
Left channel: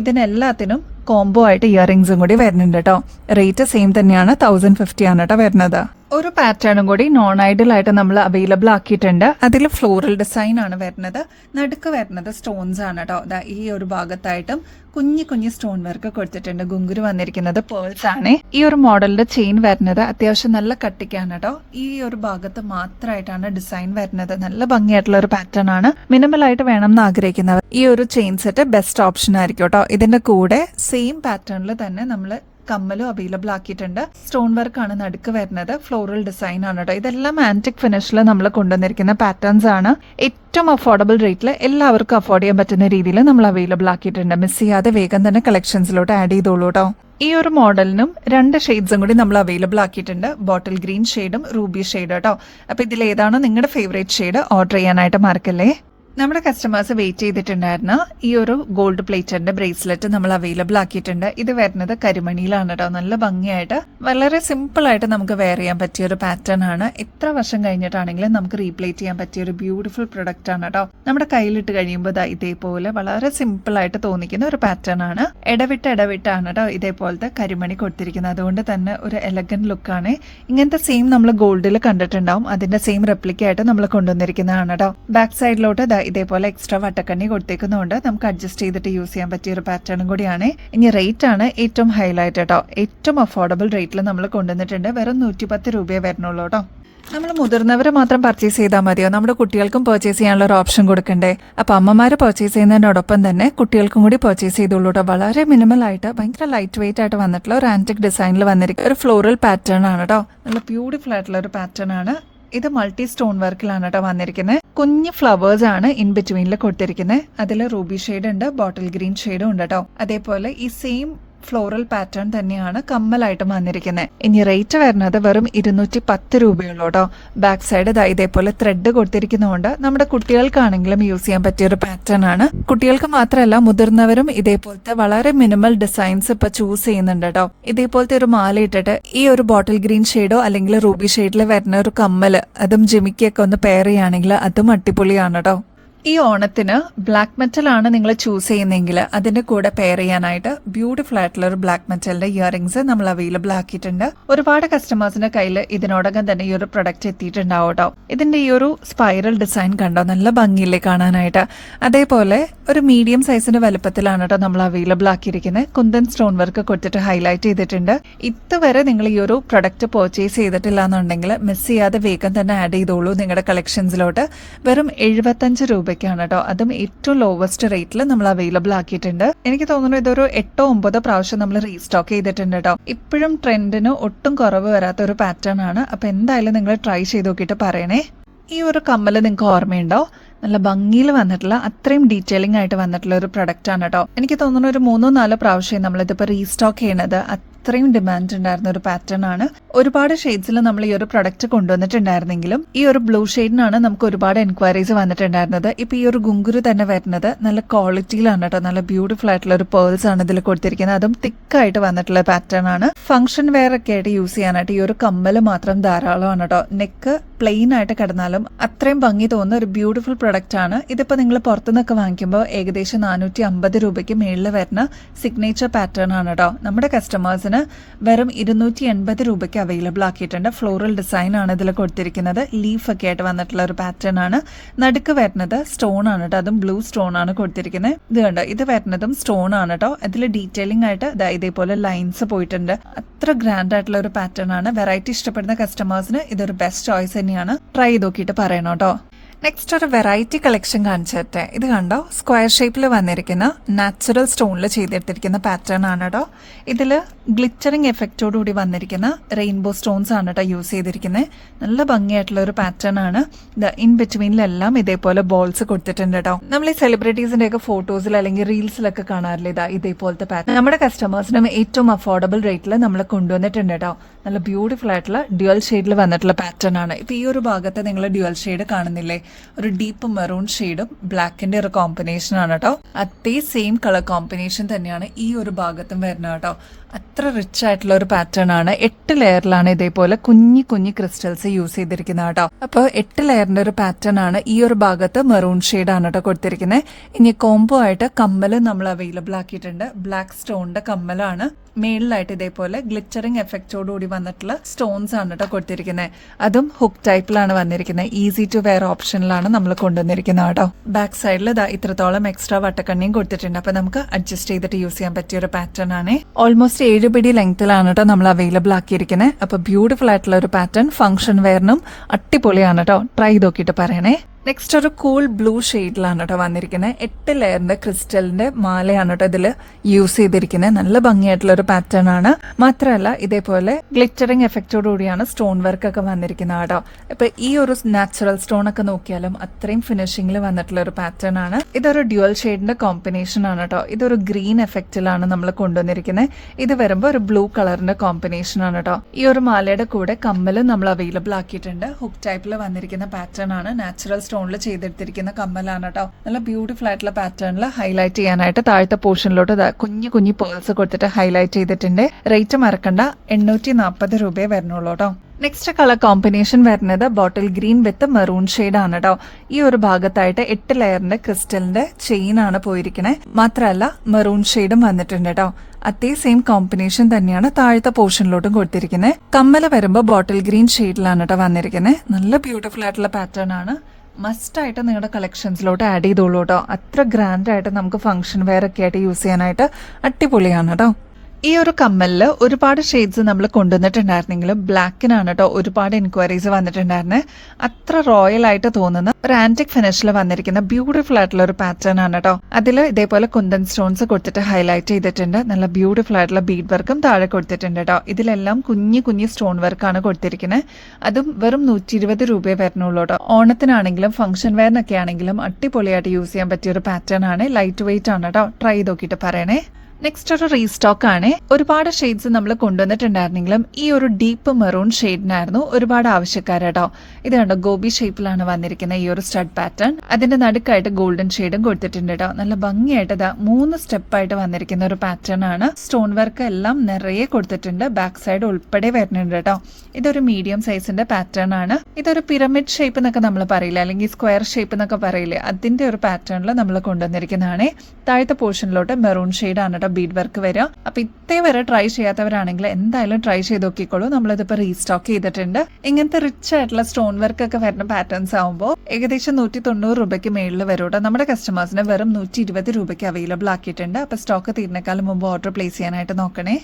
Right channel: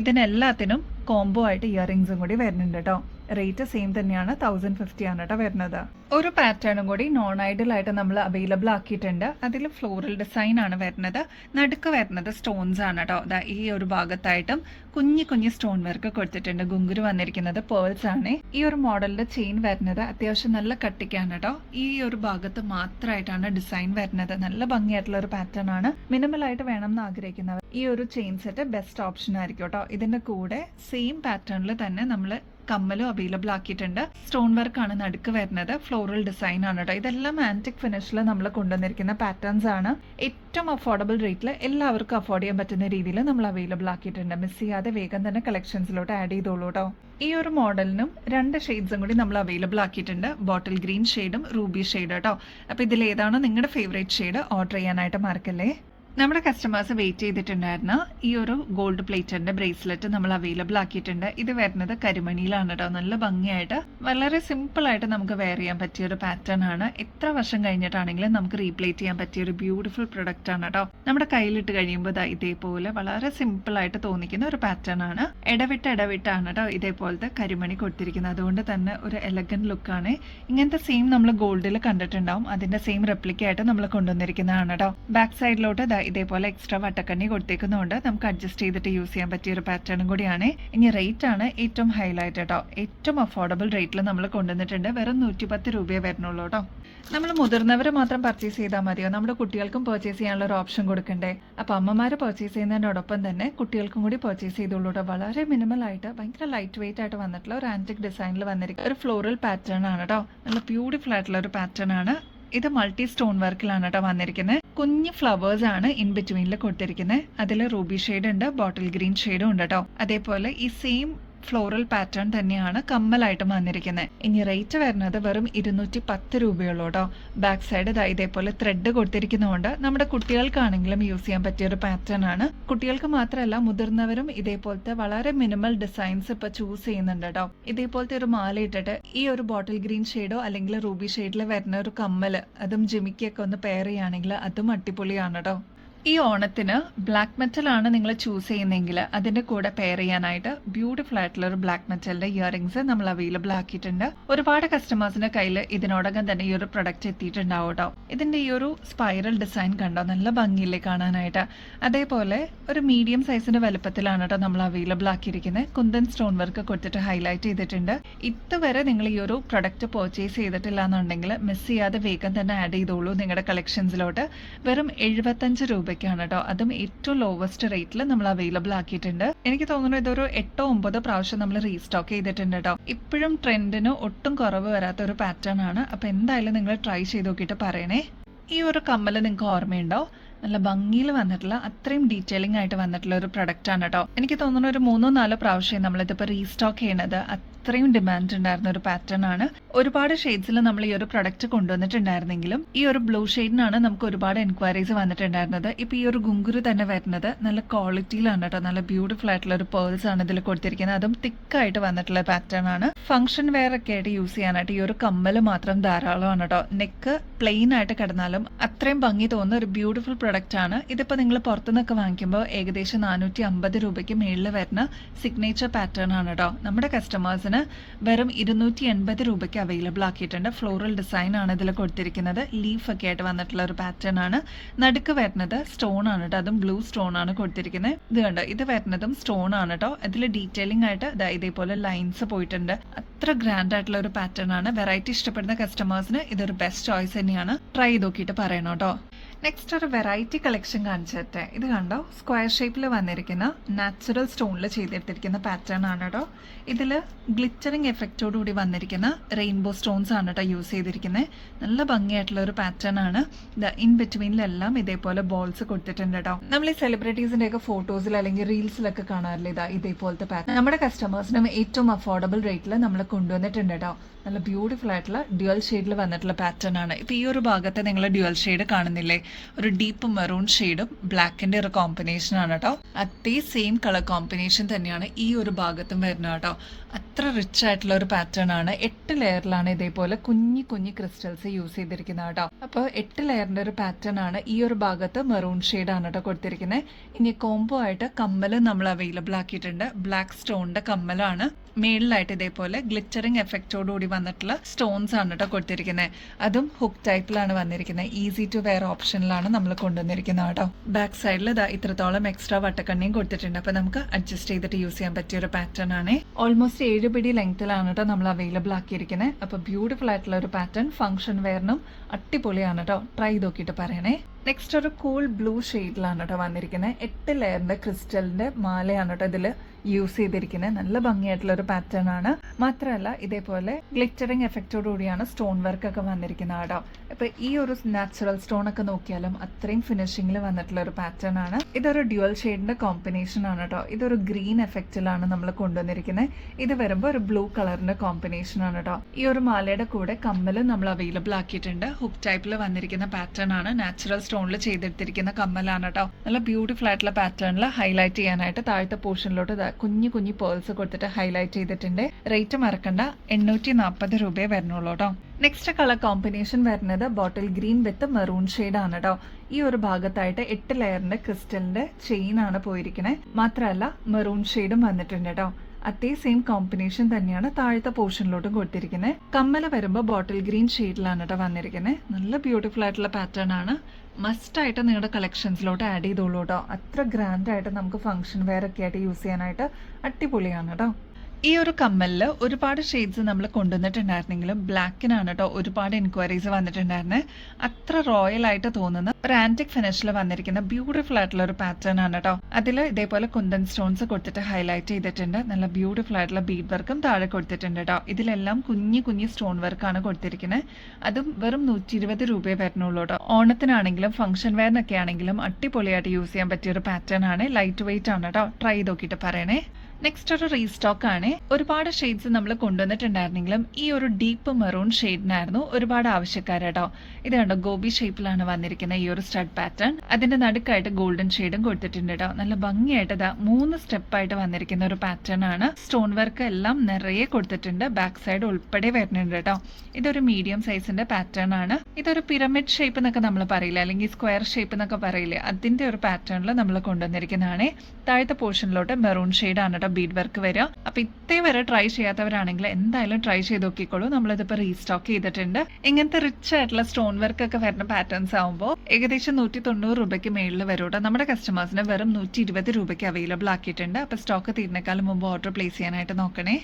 ഇതിനെല്ലാത്തിനും കോംബോ ആയിട്ട് ഇയറിംഗ്സും കൂടി വരുന്നുണ്ട് കേട്ടോ. റേറ്റ് സെയിം തന്നെയാണ്, 1050 ആണ് കേട്ടോ വരുന്നത്. ഒരു പാറ്റേണും കൂടി നോൺ ഐഡൽ ആയിട്ട് നമ്മൾ അവൈലബിൾ ആക്കിയിട്ടുണ്ട്. അതിൽ ഫ്ലോറൽ ഡിസൈൻ ആണ് വരുന്നത്. നടുക്ക് വരുന്നത് സ്റ്റോൺസ് ആണ് കേട്ടോ. ഈ ഒരു ഭാഗത്തായിട്ടും കുഞ്ഞു കുഞ്ഞു സ്റ്റോൺ വർക്ക് കൊടുത്തിട്ടുണ്ട്. ഗുങ്കുരു വന്നിരിക്കുന്നത് പേൾസ് ആണ്. ഈ ഒരു മോഡലിന്റെ ചെയിൻ വരുന്നത് അത്യാവശ്യം നല്ല കട്ടിക്കാണ് കേട്ടോ. ഈ ഒരു ഭാഗത്ത് മാത്രമായിട്ടാണ് ഡിസൈൻ വരുന്നത്. നല്ല ഭംഗിയായിട്ടുള്ള ഒരു പാറ്റേൺ ആണ്. മിനിമൽ ആയിട്ട് വേണം എന്ന് ആഗ്രഹിക്കുന്നവർ ഈ ഒരു ചെയിൻ സെറ്റ് ബെസ്റ്റ് ഓപ്ഷൻ ആയിരിക്കും കേട്ടോ. ഇതിന്റെ കൂടെ സെയിം പാറ്റേണിൽ തന്നെ നമ്മൾ കമ്മലും അവൈലബിൾ ആക്കിയിട്ടുണ്ട്. സ്റ്റോൺ വർക്ക് ആണ് നടുക്ക് വരുന്നത്. ഫ്ലോറൽ ഡിസൈൻ ആണ് കേട്ടോ. ഇതെല്ലാം ആന്റിക് ഫിനിഷിൽ നമ്മൾ കൊണ്ടുവന്നിരിക്കുന്ന പാറ്റേൺസ് ആണ്. ഏറ്റവും അഫോർഡബിൾ റേറ്റിൽ എല്ലാവർക്കും അഫോർഡ് ചെയ്യാൻ പറ്റുന്ന രീതിയിൽ നമ്മൾ അവൈലബിൾ ആക്കിയിട്ടുണ്ട്. മിസ് ചെയ്യാതെ വേഗം തന്നെ കളക്ഷൻസിലോട്ട് ആഡ് ചെയ്തോളൂ കേട്ടോ. ഈ ഒരു മോഡലിനും 2 ഷെയ്ഡ്സും കൂടി നമ്മൾ അവൈലബിൾ ആക്കിയിട്ടുണ്ട്. ബോട്ടിൽ ഗ്രീൻ ഷെയ്ഡും റൂബി ഷെയ്ഡ് കേട്ടോ. അപ്പൊ ഇതിൽ ഏതാണോ നിങ്ങളുടെ ഫേവറേറ്റ് ഷെയ്ഡ് ഓർഡർ ചെയ്യാനായിട്ട് മറക്കല്ലേ. നമ്മുടെ കസ്റ്റമേഴ്സ് വെയിറ്റ് ചെയ്തിട്ടുണ്ടായിരുന്ന ഈ ഒരു ഗോൾഡ് പ്ലേറ്ററിന്റെ ബ്രേസ്ലെറ്റ് നമ്മൾ അവൈലബിൾ ആക്കിയിട്ടുണ്ട്. ഇത് വരുന്നത് കരിമണിയിലാണ് കേട്ടോ. നല്ല ഭംഗിയായിട്ട് വളരെ സിമ്പിൾ ആയിട്ട് നമുക്ക് വെയർ ചെയ്യാൻ പറ്റിയ ഒരു പാറ്റേൺ ആണ്. എത്ര വർഷം കഴിഞ്ഞിട്ടാണെങ്കിലും നമുക്ക് റീപ്ലേറ്റ് ചെയ്യാൻ പറ്റിയ ഒരു ബ്യൂട്ടിഫുൾ പ്രൊഡക്റ്റ് ആണ് കേട്ടോ. നമ്മുടെ കയ്യിലിട്ട് കഴിയുമ്പോൾ ഇതേപോലെ വളരെ സിമ്പിൾ ആയിട്ട് തോന്നിക്കുന്ന ഒരു പാറ്റേൺ ആണ്. ഇടവിട്ടാണ് കേട്ടോ ഇതേപോലത്തെ കരിമണി കൊടുത്തിരിക്കുന്നത്. അതുകൊണ്ട് തന്നെ ഒരു എലഗന്റ് ലുക്കാണ്. ഇങ്ങനത്തെ സെയിം നമ്മൾ ഗോൾഡിൽ കണ്ടിട്ടുണ്ടാവും. അതിന്റെ സെയിം റെപ്ലിക്ക ആയിട്ട് നമ്മൾ കൊണ്ടുവന്നിരിക്കുന്നതാണ് കേട്ടോ. ബാക്ക് സൈഡിലോട്ട് ഇതേപോലെ എക്സ്ട്രാ വട്ടക്കണ്ണി കൊടുത്തേക്കുന്നതുകൊണ്ട് നമുക്ക് അഡ്ജസ്റ്റ് ചെയ്തിട്ട് യൂസ് ചെയ്യാൻ പറ്റിയ ഒരു പാറ്റേണും കൂടിയാണ്. ഇനി റേറ്റ് ആണ് ഏറ്റവും ഹൈലൈറ്റ് കേട്ടോ. ഏറ്റവും അഫോർഡബിൾ റേറ്റിൽ നമ്മൾ കൊണ്ടുവന്നിട്ടുണ്ട്. വെറും 110 രൂപയെ വരുന്നുള്ളൂ കേട്ടോ. നമ്മൾ മുതിർന്നവർ മാത്രം പർച്ചേസ് ചെയ്താൽ മതിയോ? നമ്മുടെ കുട്ടികൾക്കും പർച്ചേസ് ചെയ്യാനുള്ള ഒരു ഓപ്ഷൻ കൊടുക്കണ്ടേ? അപ്പോൾ അമ്മമാർ പർച്ചേസ് ചെയ്യുന്നതിനോടൊപ്പം തന്നെ കുട്ടികൾക്കും കൂടി പർച്ചേസ് ചെയ്തോളൂ കേട്ടോ. വളരെ മിനിമൽ ആയിട്ട് ഭയങ്കര ലൈറ്റ് വെയിറ്റ് ആയിട്ട് വന്നിട്ടുള്ള ഒരു ആന്റിക് ഡിസൈനിൽ വന്നിരിക്കുന്ന ഒരു ഫ്ലോറൽ പാറ്റേൺ ആണ് കേട്ടോ. നല്ല ബ്യൂട്ടിഫുൾ ആയിട്ടുള്ള ഒരു പാറ്റേൺ ആണ്. ഇത് മൾട്ടി സ്റ്റോൺ വർക്കിലാണ് കേട്ടോ വന്നിരിക്കുന്നത്. കുഞ്ഞ് ഫ്ലവേഴ്സ് ആണ് ഇൻ ബിറ്റ്വീനിൽ കൊടുത്തിരിക്കുന്നത്. അതിൽ റൂബി ഷെയ്ഡ് ഉണ്ട്, ബോട്ടിൽ ഗ്രീൻ ഷെയ്ഡും ഉണ്ട് കേട്ടോ. അതേപോലെ ഈ സെയിം ഫ്ലോറൽ പാറ്റേൺ തന്നെയാണ് കമ്മലായിട്ട് വന്നിരിക്കുന്നത്. ഇനി റേറ്റ് വരുന്നത് വെറും 210 രൂപയുള്ളൂ കേട്ടോ. ബാക്ക് സൈഡ് ഇതേപോലെ ത്രെഡ് കൊടുത്തിരിക്കുന്നതുകൊണ്ട് നമ്മുടെ കുട്ടികൾക്കാണെങ്കിലും യൂസ് ചെയ്യാൻ പറ്റിയ ഒരു പാറ്റേൺ ആണ്. കുട്ടികൾക്ക് മാത്രമല്ല മുതിർന്നവരും ഇതേപോലത്തെ വളരെ മിനിമൽ ഡിസൈൻസ് ഇപ്പൊ ചൂസ് ചെയ്യുന്നുണ്ട് കേട്ടോ. ഇതേപോലത്തെ ഒരു മാല ഇട്ടിട്ട് ഈ ഒരു ബോട്ടിൽ ഗ്രീൻ ഷെയ്ഡോ അല്ലെങ്കിൽ റൂബി ഷെയ്ഡിൽ വരുന്ന ഒരു കമ്മല് അതും ജിമിക്കൊക്കെ ഒന്ന് പെയർ ചെയ്യുകയാണെങ്കിൽ അതും അടിപൊളിയാണ് കേട്ടോ. ഈ ഓണത്തിന് ബ്ലാക്ക് മെറ്റൽ ആണ് നിങ്ങൾ ചൂസ് ചെയ്യുന്നതെങ്കിൽ അതിന്റെ കൂടെ പെയർ ചെയ്യാനായിട്ട് ബ്യൂട്ടിഫുൾ ആയിട്ടുള്ള ഒരു ബ്ലാക്ക് മെറ്റലിന്റെ ഇയറിംഗ്സ് നമ്മൾ അവൈലബിൾ ആക്കിയിട്ടുണ്ട്. ഒരുപാട് കസ്റ്റമേഴ്സിന്റെ കയ്യിൽ ഇതിനോടകം തന്നെ ഈ ഒരു പ്രൊഡക്റ്റ് എത്തിയിട്ടുണ്ടാവും കേട്ടോ. ഇതിന്റെ ഈ ഒരു സ്പൈറൽ ഡിസൈൻ കണ്ടോ, നല്ല ഭംഗിയില്ലേ കാണാനായിട്ട്. അതേപോലെ ഒരു മീഡിയം സൈസിന്റെ വലുപ്പത്തിലാണ് കേട്ടോ നമ്മൾ അവൈലബിൾ ആക്കിയിരിക്കുന്നത്. കുന്തൻ സ്റ്റോൺ വർക്ക് കൊടുത്തിട്ട് ഹൈലൈറ്റ് ചെയ്തിട്ടുണ്ട്. ഇതുവരെ നിങ്ങൾ ഈ ഒരു പ്രൊഡക്റ്റ് പർച്ചേസ് ചെയ്തിട്ടില്ല എന്നുണ്ടെങ്കിൽ മിസ് ചെയ്യാതെ വേഗം തന്നെ ആഡ് ചെയ്തോളൂ നിങ്ങളുടെ കളക്ഷൻസിലോട്ട്. വെറും 75 രൂപ കേട്ടോ. അതും ഏറ്റവും ലോവസ്റ്റ് റേറ്റിൽ നമ്മൾ അവൈലബിൾ ആക്കിയിട്ടുണ്ട്. എനിക്ക് തോന്നുന്നു ഇതൊരു 8-9 പ്രാവശ്യം നമ്മൾ റീസ്റ്റോക്ക് ചെയ്തിട്ടുണ്ട് കേട്ടോ. ഇപ്പോഴും ട്രെൻഡിന് ഒട്ടും കുറവ് വരാത്ത ഒരു പാറ്റേൺ ആണ്. അപ്പൊ എന്തായാലും നിങ്ങൾ ട്രൈ ചെയ്ത് നോക്കിയിട്ട് പറയണേ. ഈ ഒരു കമ്മല് നിങ്ങൾക്ക് ഓർമ്മയുണ്ടോ? നല്ല ഭംഗിയിൽ വന്നിട്ടുള്ള അത്രയും ഡീറ്റെയിലിംഗ് ആയിട്ട് വന്നിട്ടുള്ള ഒരു പ്രൊഡക്റ്റ് ആണ് കേട്ടോ. എനിക്ക് തോന്നുന്നു ഒരു 3-4 പ്രാവശ്യം നമ്മളിതിപ്പോ റീസ്റ്റോക്ക് ചെയ്യണത്. അത്രയും ഡിമാൻഡ് ഉണ്ടായിരുന്ന ഒരു പാറ്റേൺ ആണ്. ഒരുപാട് ഷെയ്ഡ്സിൽ നമ്മൾ ഈ ഒരു പ്രൊഡക്റ്റ് കൊണ്ടുവന്നിട്ടുണ്ടായിരുന്നെങ്കിലും ഈ ഒരു ബ്ലൂ ഷെയ്ഡിനാണ് നമുക്ക് ഒരുപാട് എൻക്വയറീസ് വന്നിട്ടുണ്ടായിരുന്നത്. ഇപ്പൊ ഈ ഒരു ഗുങ്കുരു തന്നെ വരുന്നത് നല്ല ക്വാളിറ്റിയിലാണ് കേട്ടോ. നല്ല ബ്യൂട്ടിഫുൾ ആയിട്ടുള്ള ഒരു പേൾസ് ആണ് ഇതിൽ കൊടുത്തിരിക്കുന്നത്. അതും തിക്കായിട്ട് വന്നിട്ടുള്ള പാറ്റേൺ ആണ്. ഫംഗ്ഷൻ വെയർ ഒക്കെ ആയിട്ട് യൂസ് ചെയ്യാനായിട്ട് ഈ ഒരു കമ്മല് മാത്രം ധാരാളമാണ് കേട്ടോ. നെക്ക് പ്ലെയിൻ ആയിട്ട് കിടന്നാലും അത്രയും ഭംഗി തോന്നുന്ന ഒരു ബ്യൂട്ടിഫുൾ പ്രൊഡക്റ്റ് ആണ്. ഇതിപ്പോ നിങ്ങൾ പുറത്തുനിന്നൊക്കെ വാങ്ങിക്കുമ്പോൾ ഏകദേശം 450 രൂപയ്ക്ക് മേളിൽ വരുന്ന സിഗ്നേച്ചർ പാറ്റേൺ ആണ് കേട്ടോ. നമ്മുടെ കസ്റ്റമേഴ്സിന് വെറും 280 രൂപയ്ക്ക് അവൈലബിൾ ആക്കിയിട്ടുണ്ട്. ഫ്ലോറൽ ഡിസൈൻ ആണ് ഇതിൽ കൊടുത്തിരിക്കുന്നത്. ലീഫ് ഒക്കെ ആയിട്ട് വന്നിട്ടുള്ള ഒരു പാറ്റേൺ ആണ്. നടുക്ക് വരുന്നത് സ്റ്റോൺ ആണ് കേട്ടോ. അതും ബ്ലൂ സ്റ്റോൺ ആണ് കൊടുത്തിരിക്കുന്നത്. ഇത് കണ്ടോ, ഇത് വരുന്നതും സ്റ്റോൺ ആണ് കേട്ടോ. അതിൽ ഡീറ്റെയിലിംഗ് ആയിട്ട് ഇതേപോലെ ലൈൻസ് പോയിട്ടുണ്ട്. അത്ര ഗ്രാൻഡ് ആയിട്ടുള്ള ഒരു പാറ്റേൺ ആണ്. വെറൈറ്റി ഇഷ്ടപ്പെടുന്ന കസ്റ്റമേഴ്സിന് ഇതൊരു ബെസ്റ്റ് ചോയ്സ് തന്നെയാണ്. ട്രൈ ചെയ്ത് നോക്കിയിട്ട് പറയണം കേട്ടോ. നെക്സ്റ്റ് ഒരു വെറൈറ്റി കളക്ഷൻ കാണിച്ചിട്ട് ഇത് കണ്ടോ, സ്ക്വയർ ഷേപ്പിൽ വന്നിരിക്കുന്ന നാച്ചുറൽ സ്റ്റോണിൽ ചെയ്തെടുത്തിരിക്കുന്ന പാറ്റേൺ ആണ് കേട്ടോ. ഇതിൽ ഗ്ലിറ്ററിങ് എഫക്റ്റോടുകൂടി വന്നിരിക്കുന്ന റെയിൻബോ സ്റ്റോൺസ് ആണ് കേട്ടോ യൂസ് ചെയ്തിരിക്കുന്നത്. നല്ല ഭംഗിയായിട്ടുള്ള ഒരു പാറ്റേൺ ആണ്. ഇൻ ബിറ്റ്വീനിലെല്ലാം ഇതേപോലെ ബോൾസ് കൊടുത്തിട്ടുണ്ട് കേട്ടോ. നമ്മൾ ഈ സെലിബ്രിറ്റീസിന്റെ ഒക്കെ ഫോട്ടോസിൽ അല്ലെങ്കിൽ റീൽസിലൊക്കെ കാണാറില്ല ഇതേപോലത്തെ പാറ്റേൺ. നമ്മുടെ കസ്റ്റമേഴ്സിനും ഏറ്റവും അഫോർഡബിൾ റേറ്റിൽ നമ്മൾ കൊണ്ടുവന്നിട്ടുണ്ട് കേട്ടോ. നല്ല ബ്യൂട്ടിഫുൾ ആയിട്ടുള്ള ഡ്യുവൽ ഷെയ്ഡിൽ വന്നിട്ടുള്ള പാറ്റേൺ ആണ്. ഇപ്പൊ ഈ ഒരു ഭാഗത്ത് നിങ്ങൾ ഡ്യുവൽ ഷെയ്ഡ് കാണുന്നില്ലേ, ഒരു ഡീപ്പ് മെറൂൺ ഷെയ്ഡും ബ്ലാക്കിന്റെ ഒരു കോമ്പിനേഷൻ ആണ് കേട്ടോ. അതേ സെയിം കളർ കോമ്പിനേഷൻ തന്നെയാണ് ഈ ഒരു ഭാഗത്തും വരുന്നത് കേട്ടോ. അത്ര റിച്ച് ആയിട്ടുള്ള ഒരു പാറ്റേൺ ആണ്. 8 ലെയറിലാണ് ഇതേപോലെ കുഞ്ഞി കുഞ്ഞി ക്രിസ്റ്റൽസ് യൂസ് ചെയ്തിരിക്കുന്നത് കേട്ടോ. അപ്പോൾ 8 ലെയറിന്റെ ഒരു പാറ്റേൺ ആണ്. ഈ ഒരു ഭാഗത്ത് മെറൂൺ ഷെയ്ഡ് ആണ് കേട്ടോ കൊടുത്തിരിക്കുന്നത്. ഇനി കോംബോ ആയിട്ട് കമ്മല് നമ്മൾ അവൈലബിൾ ആക്കിയിട്ടുണ്ട്. ബ്ലാക്ക് സ്റ്റോണിന്റെ കമ്മലാണ്. മേളിലായിട്ട് ഇതേപോലെ ഗ്ലിറ്ററിംഗ് എഫക്റ്റോടുകൂടി വന്നിട്ടുള്ള സ്റ്റോൺസ് ആണ് കേട്ടോ കൊടുത്തിരിക്കുന്നത്. അതും ഹുക്ക് ടൈപ്പിലാണ് വന്നിരിക്കുന്നത്. ഈസി ടു വെയർ ഓപ്ഷനിലാണ് നമ്മൾ കൊണ്ടുവന്നിരിക്കുന്നത് കേട്ടോ. ബാക്ക് സൈഡിൽ ഇത്രത്തോളം എക്സ്ട്രാ വട്ടക്കണ്ണിയും കൊടുത്തിട്ടുണ്ട്. അപ്പൊ നമുക്ക് അഡ്ജസ്റ്റ് ചെയ്തിട്ട് യൂസ് ചെയ്യാൻ പറ്റിയ ഒരു പാറ്റേൺ ആണ്. ഓൾമോസ്റ്റ് 7 പിടി ലെങ്ത്തിലാണ് കേട്ടോ നമ്മൾ അവൈലബിൾ ആക്കിയിരിക്കുന്നത്. അപ്പൊ ബ്യൂട്ടിഫുൾ ആയിട്ടുള്ള ഒരു പാറ്റേൺ. ഫംഗ്ഷൻ വെയറിനും അടിപൊളിയാണ് കേട്ടോ. ട്രൈ നോക്കിയിട്ട് പറയണേ. നെക്സ്റ്റ് ഒരു കൂൾ ബ്ലൂ ഷെയ്ഡിലാണ് കേട്ടോ വന്നിരിക്കുന്നത്. 8 ലെയറിന്റെ ക്രിസ്റ്റലിന്റെ മാലയാണ് കേട്ടോ ഇതിൽ യൂസ് ചെയ്തിരിക്കുന്നത്. നല്ല ഭംഗിയായിട്ടുള്ള ഒരു പാറ്റേൺ ആണ്. മാത്രമല്ല ഇതേപോലെ ഗ്ലിറ്ററിംഗ് എഫക്റ്റോടുകൂടിയാണ് സ്റ്റോൺ വർക്ക് ഒക്കെ വന്നിരിക്കുന്നത് കേട്ടോ. ഇപ്പൊ ഈ ഒരു നാച്ചുറൽ സ്റ്റോൺ ഒക്കെ നോക്കിയാലും അത്രയും ഫിനിഷിംഗിൽ വന്നിട്ടുള്ള ഒരു പാറ്റേൺ ആണ്. ഇതൊരു ഡ്യുവൽ ഷെയ്ഡിന്റെ കോമ്പിനേഷൻ ആണ് കേട്ടോ. ഇതൊരു ഗ്രീൻ എഫക്റ്റിലാണ് നമ്മൾ കൊണ്ടുവന്നിരിക്കുന്നത്. ഇത് വരുമ്പോൾ ഒരു ബ്ലൂ കളറിന്റെ കോമ്പിനേഷൻ ആണ് കേട്ടോ. ഈ ഒരു മാലയുടെ കൂടെ കമ്മല് നമ്മൾ അവൈലബിൾ ആക്കിയിട്ടുണ്ട്. ഹുക്ക് ടൈപ്പിൽ വന്നിരിക്കുന്ന പാറ്റേൺ ആണ്. നാച്ചുറൽ സ്റ്റോണിൽ ചെയ്തെടുത്തിരിക്കുന്ന കമ്മലാണ് കേട്ടോ. നല്ല ബ്യൂട്ടിഫുൾ ആയിട്ടുള്ള പാറ്റേണിൽ ഹൈലൈറ്റ് ചെയ്യാനായിട്ട് താഴത്തെ പോർഷനിലോട്ട് കുഞ്ഞു കുഞ്ഞു പേൾസ് കൊടുത്തിട്ട് ഹൈലൈറ്റ് ചെയ്തിട്ടുണ്ട്. റേറ്റ് മറക്കണ്ട, 840 രൂപയെ വരുന്നുള്ളൂ കേട്ടോ. നെക്സ്റ്റ് കളർ കോമ്പിനേഷൻ വരുന്നത് ബോട്ടിൽ ഗ്രീൻ വിത്ത് മെറൂൺ ഷെയ്ഡ് ആണ് കേട്ടോ. ഈ ഒരു ഭാഗത്തായിട്ട് 8 ലെയറിന്റെ ക്രിസ്റ്റലിന്റെ ചെയിൻ ആണ് പോയിരിക്കുന്നത്. മാത്രമല്ല മെറൂൺ ഷെയ്ഡും വന്നിട്ടുണ്ട് കേട്ടോ. അതേ സെയിം കോമ്പിനേഷൻ തന്നെയാണ് താഴത്തെ പോർഷനിലോട്ടും കൊടുത്തിരിക്കുന്നത്. കമ്മല് വരുമ്പോൾ ബോട്ടിൽ ഗ്രീൻ ഷെയ്ഡിലാണ് കേട്ടോ വന്നിരിക്കുന്നത്. നല്ല ബ്യൂട്ടിഫുൾ ആയിട്ടുള്ള പാറ്റേൺ ആണ്. മസ്റ്റായിട്ട് നിങ്ങളുടെ കളക്ഷൻസിലോട്ട് ആഡ് ചെയ്തോളൂ കേട്ടോ. അത്ര ഗ്രാൻഡായിട്ട് നമുക്ക് ഫംഗ്ഷൻ വെയർ ഒക്കെ ആയിട്ട് യൂസ് ചെയ്യാനായിട്ട് അടിപൊളിയാണ് കേട്ടോ. ഈ ഒരു കമ്മലിൽ ഒരുപാട് ഷെയ്ഡ്സ് നമ്മൾ കൊണ്ടുവന്നിട്ടുണ്ടായിരുന്നെങ്കിലും ബ്ലാക്കിനാണ് കേട്ടോ ഒരുപാട് എൻക്വയറീസ് വന്നിട്ടുണ്ടായിരുന്നത്. അത്ര റോയൽ ആയിട്ട് തോന്നുന്ന ഒരു ആന്റിക് ഫിനിഷിൽ വന്നിരിക്കുന്ന ബ്യൂട്ടിഫുൾ ആയിട്ടുള്ള ഒരു പാറ്റേൺ ആണ് കേട്ടോ. അതിൽ ഇതേപോലെ കുന്തൻ സ്റ്റോൺസ് കൊടുത്തിട്ട് ഹൈലൈറ്റ് ചെയ്തിട്ടുണ്ട്. നല്ല ബ്യൂട്ടിഫുൾ ആയിട്ടുള്ള ബീഡ് വർക്കും താഴെ കൊടുത്തിട്ടുണ്ട് കേട്ടോ. ഇതിലെല്ലാം കുഞ്ഞു കുഞ്ഞു സ്റ്റോൺ വർക്കാണ് കൊടുത്തിരിക്കുന്നത്. അതും വെറും 120 രൂപയെ വരുന്നുള്ളൂ കേട്ടോ. ഓണത്തിനാണെങ്കിലും ഫംഗ്ഷൻ വെയറിനൊക്കെ ആണെങ്കിലും അടിപൊളിയായിട്ട് യൂസ് ചെയ്യാൻ പറ്റിയ ഒരു പാറ്റേൺ ആണ്. ലൈറ്റ് വെയിറ്റ് ആണ് കേട്ടോ. ട്രൈ ചെയ്ത് നോക്കിയിട്ട് പറയണേ. നെക്സ്റ്റ് ഒരു റീസ്റ്റോക്ക് ആണ്. ഒരുപാട് ഷെയ്ഡ്സ് നമ്മൾ കൊണ്ടുവന്നിട്ടുണ്ടായിരുന്നെങ്കിലും ഈ ഒരു ഡീപ്പ് മെറൂൺ ഷെയ്ഡിനായിരുന്നു ഒരുപാട് ആവശ്യക്കാരട്ടോ. ഇത് കണ്ടോ, ഗോബി ഷേപ്പിലാണ് വന്നിരിക്കുന്ന ഈ ഒരു സ്റ്റഡ് പാറ്റേൺ. അതിന്റെ നടുക്കായിട്ട് ഗോൾഡൻ ഷെയ്ഡും കൊടുത്തിട്ടുണ്ട് കേട്ടോ. നല്ല ഭംഗിയായിട്ട് 3 സ്റ്റെപ്പായിട്ട് വന്നിരിക്കുന്ന ഒരു പാറ്റേൺ ആണ്. സ്റ്റോൺ വർക്ക് എല്ലാം നിറയെ കൊടുത്തിട്ടുണ്ട്. ബാക്ക് സൈഡ് ഉൾപ്പെടെ വരുന്നുണ്ട് കേട്ടോ. ഇതൊരു മീഡിയം സൈസിന്റെ പാറ്റേൺ ആണ്. ഇതൊരു പിരമിഡ് ഷേപ്പ് എന്നൊക്കെ നമ്മൾ പറയില്ലേ, അല്ലെങ്കിൽ സ്ക്വയർ ഷേപ്പ് എന്നൊക്കെ പറയില്ലേ, അതിന്റെ ഒരു പാറ്റേണിൽ നമ്മൾ കൊണ്ടുവന്നിരിക്കുന്നതാണ്. താഴത്തെ പോർഷനിലോട്ട് മെറൂൺ ഷെയ്ഡ് ആണ് ബീഡ് വർക്ക് വരിക. അപ്പൊ ഇത്തേ വരെ ട്രൈ ചെയ്യാത്തവരാണെങ്കിൽ എന്തായാലും ട്രൈ ചെയ്ത് നോക്കിക്കോളൂ. നമ്മളിതിപ്പോ റീസ്റ്റോക്ക് ചെയ്തിട്ടുണ്ട്. ഇങ്ങനത്തെ റിച്ച് ആയിട്ടുള്ള സ്റ്റോൺ വർക്ക് ഒക്കെ വരുന്ന പാറ്റേൺസ് ആകുമ്പോൾ ഏകദേശം 190 രൂപയ്ക്ക് മേളിൽ വരൂട്ടോ. നമ്മുടെ കസ്റ്റമേഴ്സിന് വെറും 120 രൂപയ്ക്ക് അവൈലബിൾ ആക്കിയിട്ടുണ്ട്. അപ്പൊ സ്റ്റോക്ക് തീരുന്നേക്കാളും മുമ്പ് ഓർഡർ പ്ലേസ് ചെയ്യാനായിട്ട് നോക്കണേ.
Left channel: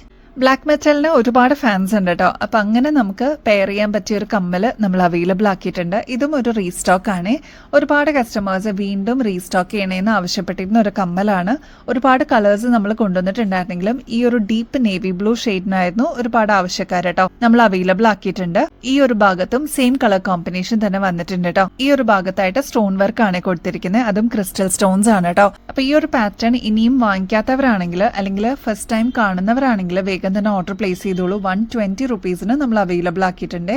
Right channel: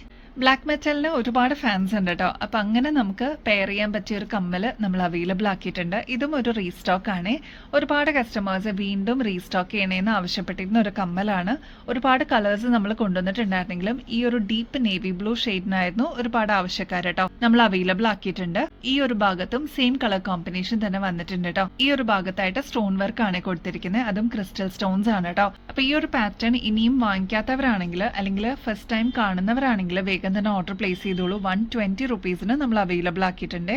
ബ്ലാക്ക് മെറ്റലിന് ഒരുപാട് ഫാൻസ് ഉണ്ട് കേട്ടോ. അപ്പൊ അങ്ങനെ നമുക്ക് പെയർ ചെയ്യാൻ പറ്റിയ ഒരു കമ്മല് നമ്മൾ അവൈലബിൾ ആക്കിയിട്ടുണ്ട്. ഇതും ഒരു റീസ്റ്റോക്ക് ആണ്. ഒരുപാട് കസ്റ്റമേഴ്സ് വീണ്ടും റീസ്റ്റോക്ക് ചെയ്യണേന്ന് ആവശ്യപ്പെട്ടിരുന്ന ഒരു കമ്മലാണ്. ഒരുപാട് കളേഴ്സ് നമ്മൾ കൊണ്ടുവന്നിട്ടുണ്ടായിരുന്നെങ്കിലും ഈ ഒരു ഡീപ്പ് നേവി ബ്ലൂ ഷെയ്ഡിനായിരുന്നു ഒരുപാട് ആവശ്യക്കാർ കേട്ടോ. നമ്മൾ അവൈലബിൾ ആക്കിയിട്ടുണ്ട്. ഈ ഒരു ഭാഗത്തും സെയിം കളർ കോമ്പിനേഷൻ തന്നെ വന്നിട്ടുണ്ട് കേട്ടോ. ഈ ഒരു ഭാഗത്തായിട്ട് സ്റ്റോൺ വർക്ക് ആണ് കൊടുത്തിരിക്കുന്നത്. അതും ക്രിസ്റ്റൽ സ്റ്റോൺസ് ആണ് കേട്ടോ. അപ്പൊ ഈ ഒരു പാറ്റേൺ ഇനിയും വാങ്ങിക്കാത്തവരാണെങ്കിൽ അല്ലെങ്കിൽ ഫസ്റ്റ് ടൈം കാണുന്നവരാണെങ്കിൽ വേഗം തന്നെ ഓർഡർ പ്ലേസ് ചെയ്തോളൂ. 120 റുപ്പീസിന് നമ്മൾ അവൈലബിൾ ആക്കിയിട്ടുണ്ട്.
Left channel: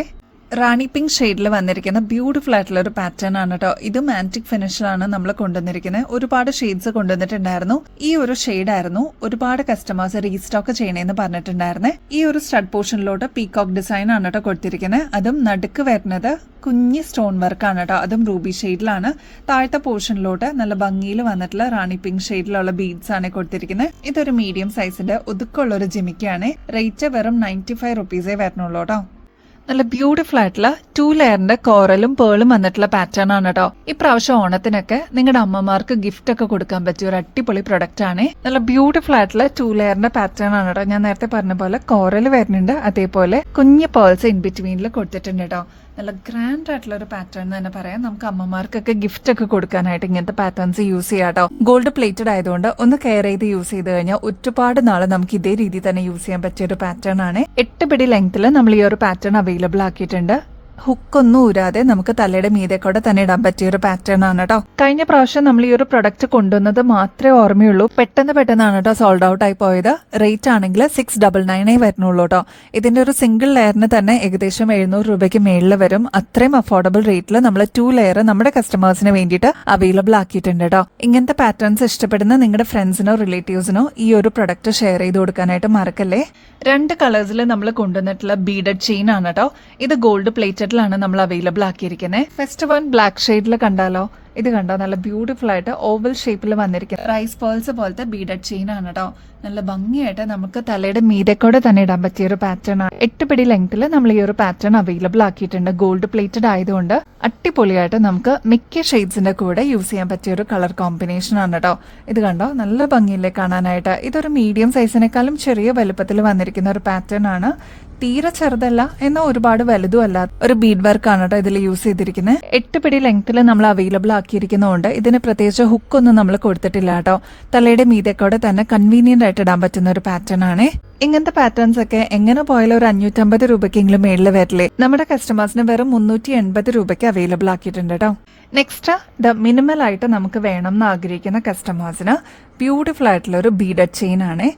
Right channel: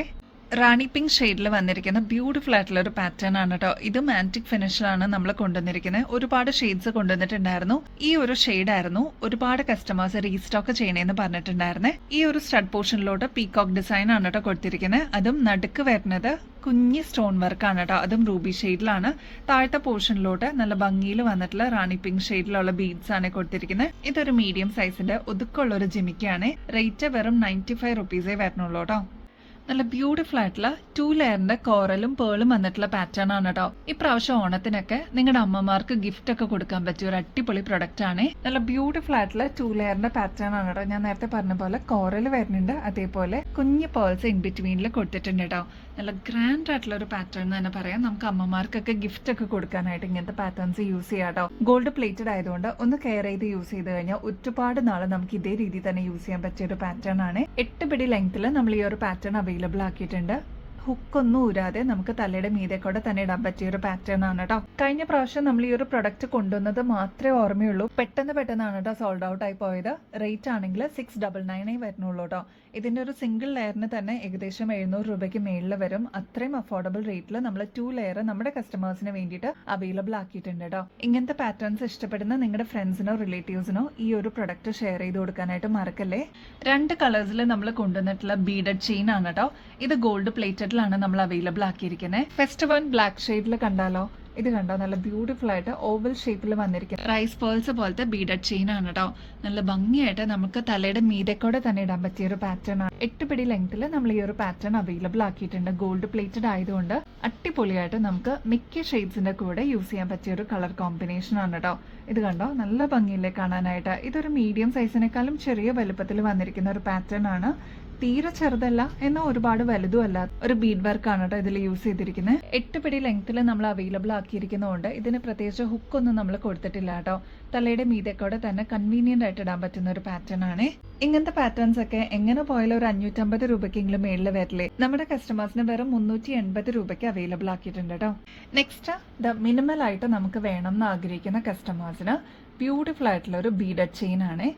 റാണി പിങ്ക് ഷെയ്ഡിൽ വന്നിരിക്കുന്ന ബ്യൂട്ടിഫുൾ ആയിട്ടുള്ള ഒരു പാറ്റേൺ ആണ് കേട്ടോ. ഇതും ആന്റിക് ഫിനിഷിലാണ് നമ്മൾ കൊണ്ടുവന്നിരിക്കുന്നത്. ഒരുപാട് ഷെയ്ഡ്സ് കൊണ്ടുവന്നിട്ടുണ്ടായിരുന്നു. ഈ ഒരു ഷെയ്ഡ് ആയിരുന്നു ഒരുപാട് കസ്റ്റമേഴ്സ് റീസ്റ്റോക്ക് ചെയ്യണേന്ന് പറഞ്ഞിട്ടുണ്ടായിരുന്നേ. ഈ ഒരു സ്റ്റഡ് പോർഷനിലോട്ട് പീകോക്ക് ഡിസൈൻ ആണ് കേട്ടോ കൊടുത്തിരിക്കുന്നത്. അതും നടുക്ക് വരുന്നത് കുഞ്ഞി സ്റ്റോൺ വർക്കാണ് കേട്ടോ. അതും റൂബി ഷെയ്ഡിലാണ്. താഴത്തെ പോർഷനിലോട്ട് നല്ല ഭംഗിയിൽ വന്നിട്ടുള്ള റാണി പിങ്ക് ഷെയ്ഡിലുള്ള ബീഡ്സ് ആണ് കൊടുത്തിരിക്കുന്നത്. ഇതൊരു മീഡിയം സൈസിന്റെ ഒതുക്കമുള്ള ഒരു ജിമിക്കാണ്. റേറ്റ് വെറും 95 റുപ്പീസേ വരുന്നുള്ളൂ കേട്ടോ. നല്ല ബ്യൂട്ടിഫുൾ ആയിട്ടുള്ള 2 ലെയറിന്റെ കോറലും പേളും വന്നിട്ടുള്ള പാറ്റേൺ ആണ് കേട്ടോ. ഇപ്രാവശ്യം ഓണത്തിനൊക്കെ നിങ്ങളുടെ അമ്മമാർക്ക് ഗിഫ്റ്റ് ഒക്കെ കൊടുക്കാൻ പറ്റിയ ഒരു അടിപൊളി പ്രൊഡക്റ്റ് ആണ്. നല്ല ബ്യൂട്ടിഫുൾ ആയിട്ടുള്ള 2 ലെയറിന്റെ പാറ്റേൺ ആണ് കേട്ടോ. ഞാൻ നേരത്തെ പറഞ്ഞ പോലെ കോറൽ വരുന്നുണ്ട്. അതേപോലെ കുഞ്ഞ് പേൾസ് ഇൻ ബിറ്റ്വീനിൽ കൊടുത്തിട്ടുണ്ട് കേട്ടോ. നല്ല ഗ്രാൻഡ് ആയിട്ടുള്ള ഒരു പാറ്റേൺ തന്നെ പറയാം. നമുക്ക് അമ്മമാർക്കൊക്കെ ഗിഫ്റ്റ് ഒക്കെ കൊടുക്കാനായിട്ട് ഇങ്ങനത്തെ പാറ്റേൺസ് യൂസ് ചെയ്യാം കേട്ടോ. ഗോൾഡ് പ്ലേറ്റഡ് ആയതുകൊണ്ട് ഒന്ന് കെയർ ചെയ്ത് യൂസ് ചെയ്ത് കഴിഞ്ഞാൽ ഒരുപാട് നാള് നമുക്ക് ഇതേ രീതി തന്നെ യൂസ് ചെയ്യാൻ പറ്റിയ ഒരു പാറ്റേൺ ആണ്. 8 പിടി ലെങ്ത്തിൽ നമ്മൾ ഈ ഒരു പാറ്റേൺ അവൈലബിൾ ആക്കിയിട്ടുണ്ട്. ഹുക്കൊന്നും ഊരാതെ നമുക്ക് തലയുടെ മീതെ കൂടെ തന്നെ ഇടാൻ പറ്റിയ ഒരു പാറ്റേൺ ആണ് കേട്ടോ. കഴിഞ്ഞ പ്രാവശ്യം നമ്മൾ ഈ ഒരു പ്രൊഡക്റ്റ് കൊണ്ടുവന്നത് മാത്രമേ ഓർമ്മയുള്ളൂ. പെട്ടെന്നാണ് കേട്ടോ സോൾഡ് ഔട്ട് ആയി പോയത്. റേറ്റ് ആണെങ്കിൽ 699 വരുന്നുള്ളൂ കേട്ടോ. ഇതിന്റെ ഒരു സിംഗിൾ ലെയറിന് തന്നെ ഏകദേശം 700 രൂപയ്ക്ക് മേളിൽ വരും. അത്രയും അഫോർഡബിൾ റേറ്റിൽ നമ്മൾ 2 ലെയർ നമ്മുടെ കസ്റ്റമേഴ്സിന് വേണ്ടിയിട്ട് അവൈലബിൾ ആക്കിയിട്ടുണ്ട് കേട്ടോ. ഇങ്ങനത്തെ പാറ്റേൺസ് ഇഷ്ടപ്പെടുന്ന നിങ്ങളുടെ ഫ്രണ്ട്സിനോ റിലേറ്റീവ്സിനോ ഈ ഒരു പ്രൊഡക്റ്റ് ഷെയർ ചെയ്ത് കൊടുക്കാനായിട്ട് മറക്കല്ലേ. 2 കളേഴ്സിൽ നമ്മൾ കൊണ്ടുവന്നിട്ടുള്ള ബീഡഡ് ചെയിൻ ആണ് കേട്ടോ. ഇത് ഗോൾഡ് പ്ലേറ്റഡിലാണ് നമ്മൾ അവൈലബിൾ ആക്കിയിരിക്കുന്നത്. ഫസ്റ്റ് വൺ ബ്ലാക്ക് ഷെയ്ഡിൽ കണ്ടാലോ? ഇത് കണ്ടോ, നല്ല ബ്യൂട്ടിഫുൾ ആയിട്ട് ഓവൽ ഷേപ്പിൽ വന്നിരിക്കുന്ന റൈസ് പേൾസ് പോലത്തെ ബീഡഡ് ചെയിൻ ആണ് കേട്ടോ. നല്ല ഭംഗിയായിട്ട് നമുക്ക് തലയുടെ മീതെക്കൂടെ തന്നെ ഇടാൻ പറ്റിയ ഒരു പാറ്റേൺ ആണ്. 8 പിടി ലെങ്ത്തിൽ നമ്മൾ ഈ ഒരു പാറ്റേൺ അവൈലബിൾ ആക്കിയിട്ടുണ്ട്. ഗോൾഡ് പ്ലേറ്റഡ് ആയതുകൊണ്ട് അടിപൊളിയായിട്ട് നമുക്ക് മിക്ക ഷെയ്ഡ്സിന്റെ കൂടെ യൂസ് ചെയ്യാൻ പറ്റിയ ഒരു കളർ കോമ്പിനേഷൻ ആണ് കേട്ടോ. ഇത് കണ്ടോ, നല്ല ഭംഗിയില്ലേ കാണാനായിട്ട്. ഇതൊരു മീഡിയം സൈസിനേക്കാളും ചെറിയ വലുപ്പത്തിൽ വന്നിരിക്കുന്ന ഒരു പാറ്റേൺ ആണ്. തീരെ ചെറുതല്ല എന്നാൽ ഒരുപാട് വലുതും അല്ല. ഒരു ബീഡ് വർക്ക് ആണ് കേട്ടോ ഇതിൽ യൂസ് ചെയ്തിരിക്കുന്നത്. 8 പിടി ലെങ്ത്തിൽ നമ്മൾ അവൈലബിൾ ആക്കിയിരിക്കുന്നതുകൊണ്ട് ഇതിന് പ്രത്യേകിച്ച് ഹുക്കൊന്നും നമ്മൾ കൊടുത്തിട്ടില്ല കേട്ടോ. തലയുടെ മീതെക്കൂടെ തന്നെ കൺവീനിയന്റ് ആയിട്ട് ഇടാൻ പറ്റുന്ന ഒരു പാറ്റേൺ ആണ്. ഇങ്ങനത്തെ പാറ്റേൺസ് ഒക്കെ എങ്ങനെ പോയാലും ഒരു 550 രൂപയ്ക്കെങ്കിലും മേളിൽ വരില്ലേ. നമ്മുടെ കസ്റ്റമേഴ്സിന് വെറും 380 രൂപയ്ക്ക് അവൈലബിൾ ആക്കിയിട്ടുണ്ട് കേട്ടോ. നെക്സ്റ്റ് മിനിമൽ ആയിട്ട് നമുക്ക് വേണം എന്ന് ആഗ്രഹിക്കുന്ന കസ്റ്റമേഴ്സിന് ബ്യൂട്ടിഫുൾ ആയിട്ടുള്ള ഒരു ബീഡഡ് ചെയിൻ ആണ്.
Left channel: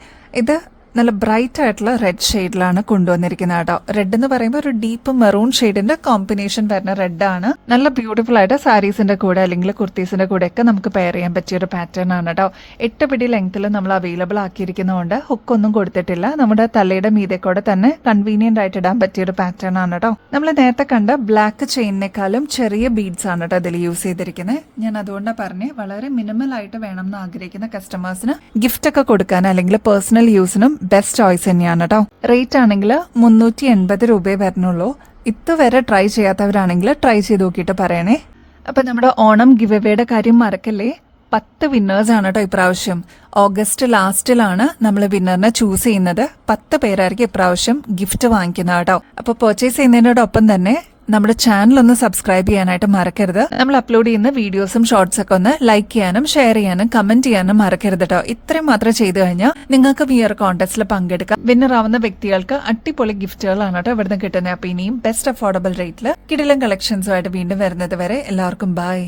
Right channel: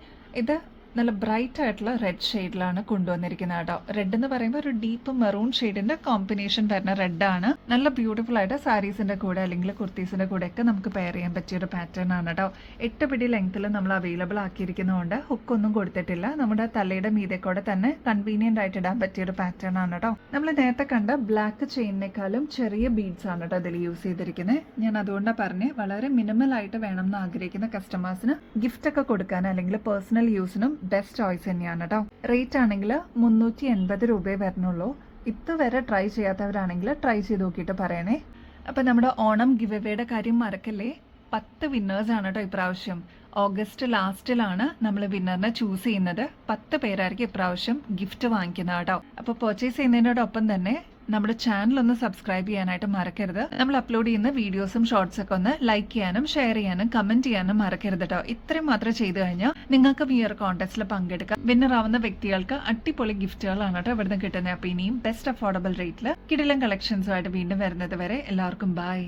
ഇത് നല്ല ബ്രൈറ്റ് ആയിട്ടുള്ള റെഡ് ഷെയ്ഡിലാണ് കൊണ്ടുവന്നിരിക്കുന്നത് കേട്ടോ. റെഡ് എന്ന് പറയുമ്പോൾ ഒരു ഡീപ്പ് മെറൂൺ ഷെയ്ഡിന്റെ കോമ്പിനേഷൻ വരുന്ന റെഡ് ആണ്. നല്ല ബ്യൂട്ടിഫുൾ ആയിട്ട് സാരീസിന്റെ കൂടെ അല്ലെങ്കിൽ കുർത്തീസിന്റെ കൂടെ ഒക്കെ നമുക്ക് പെയർ ചെയ്യാൻ പറ്റിയ ഒരു പാറ്റേൺ ആണ് കേട്ടോ. 8 പിടി ലെങ്ത്തിൽ നമ്മൾ അവൈലബിൾ ആക്കിയിരിക്കുന്നതുകൊണ്ട് ഹുക്കൊന്നും കൊടുത്തിട്ടില്ല. നമ്മുടെ തലയുടെ മീതെക്കൂടെ തന്നെ കൺവീനിയന്റ് ആയിട്ട് ഇടാൻ പറ്റിയ ഒരു പാറ്റേൺ ആണ് കേട്ടോ. നമ്മൾ നേരത്തെ കണ്ട ബ്ലാക്ക് ചെയിനേക്കാളും ചെറിയ ബീഡ്സ് ആണ് കേട്ടോ ഇതിൽ യൂസ് ചെയ്തിരിക്കുന്നത്. ഞാൻ അതുകൊണ്ടാണ് പറഞ്ഞ് വളരെ മിനിമൽ ആയിട്ട് വേണം എന്ന് ആഗ്രഹിക്കുന്ന കസ്റ്റമേഴ്സിന് ഗിഫ്റ്റ് ഒക്കെ കൊടുക്കാൻ അല്ലെങ്കിൽ പേഴ്സണൽ യൂസിനും ബെസ്റ്റ് ചോയ്സ് തന്നെയാണ് കേട്ടോ. റേറ്റ് ആണെങ്കിൽ 380 രൂപയെ വരുന്നുള്ളൂ. ഇതുവരെ ട്രൈ ചെയ്യാത്തവരാണെങ്കിൽ ട്രൈ ചെയ്ത് നോക്കിയിട്ട് പറയണേ. അപ്പൊ നമ്മുടെ ഓണം ഗിവ് എവേയുടെ കാര്യം മറക്കല്ലേ. 10 വിന്നേഴ്സ് ആണ് കേട്ടോ ഇപ്രാവശ്യം. ഓഗസ്റ്റ് ലാസ്റ്റിലാണ് നമ്മൾ വിന്നറിനെ ചൂസ് ചെയ്യുന്നത്. 10 പേരായിരിക്കും ഇപ്രാവശ്യം ഗിഫ്റ്റ് വാങ്ങിക്കുന്നത് കേട്ടോ. അപ്പൊ പർച്ചേസ് ചെയ്യുന്നതിനോടൊപ്പം തന്നെ നമ്മുടെ ചാനൽ ഒന്ന് സബ്സ്ക്രൈബ് ചെയ്യാനായിട്ട് മറക്കരുത്. നമ്മൾ അപ്ലോഡ് ചെയ്യുന്ന വീഡിയോസും ഷോർട്സ് ഒക്കെ ഒന്ന് ലൈക്ക് ചെയ്യാനും ഷെയർ ചെയ്യാനും കമന്റ് ചെയ്യാനും മറക്കരുത് കേട്ടോ. ഇത്രയും മാത്രം ചെയ്തു കഴിഞ്ഞാൽ നിങ്ങൾക്ക് ഈ ഒരു കോൺടെസ്റ്റിൽ പങ്കെടുക്കാം. വിന്നർ ആവുന്ന വ്യക്തികൾക്ക് അടിപൊളി ഗിഫ്റ്റുകളാണ് കേട്ടോ ഇവിടുന്ന് കിട്ടുന്നത്. അപ്പൊ ഇനിയും ബെസ്റ്റ് അഫോർഡബിൾ റേറ്റിൽ കിടിലൻ കളക്ഷൻസുമായിട്ട് വീണ്ടും വരുന്നത് വരെ എല്ലാവർക്കും ബൈ.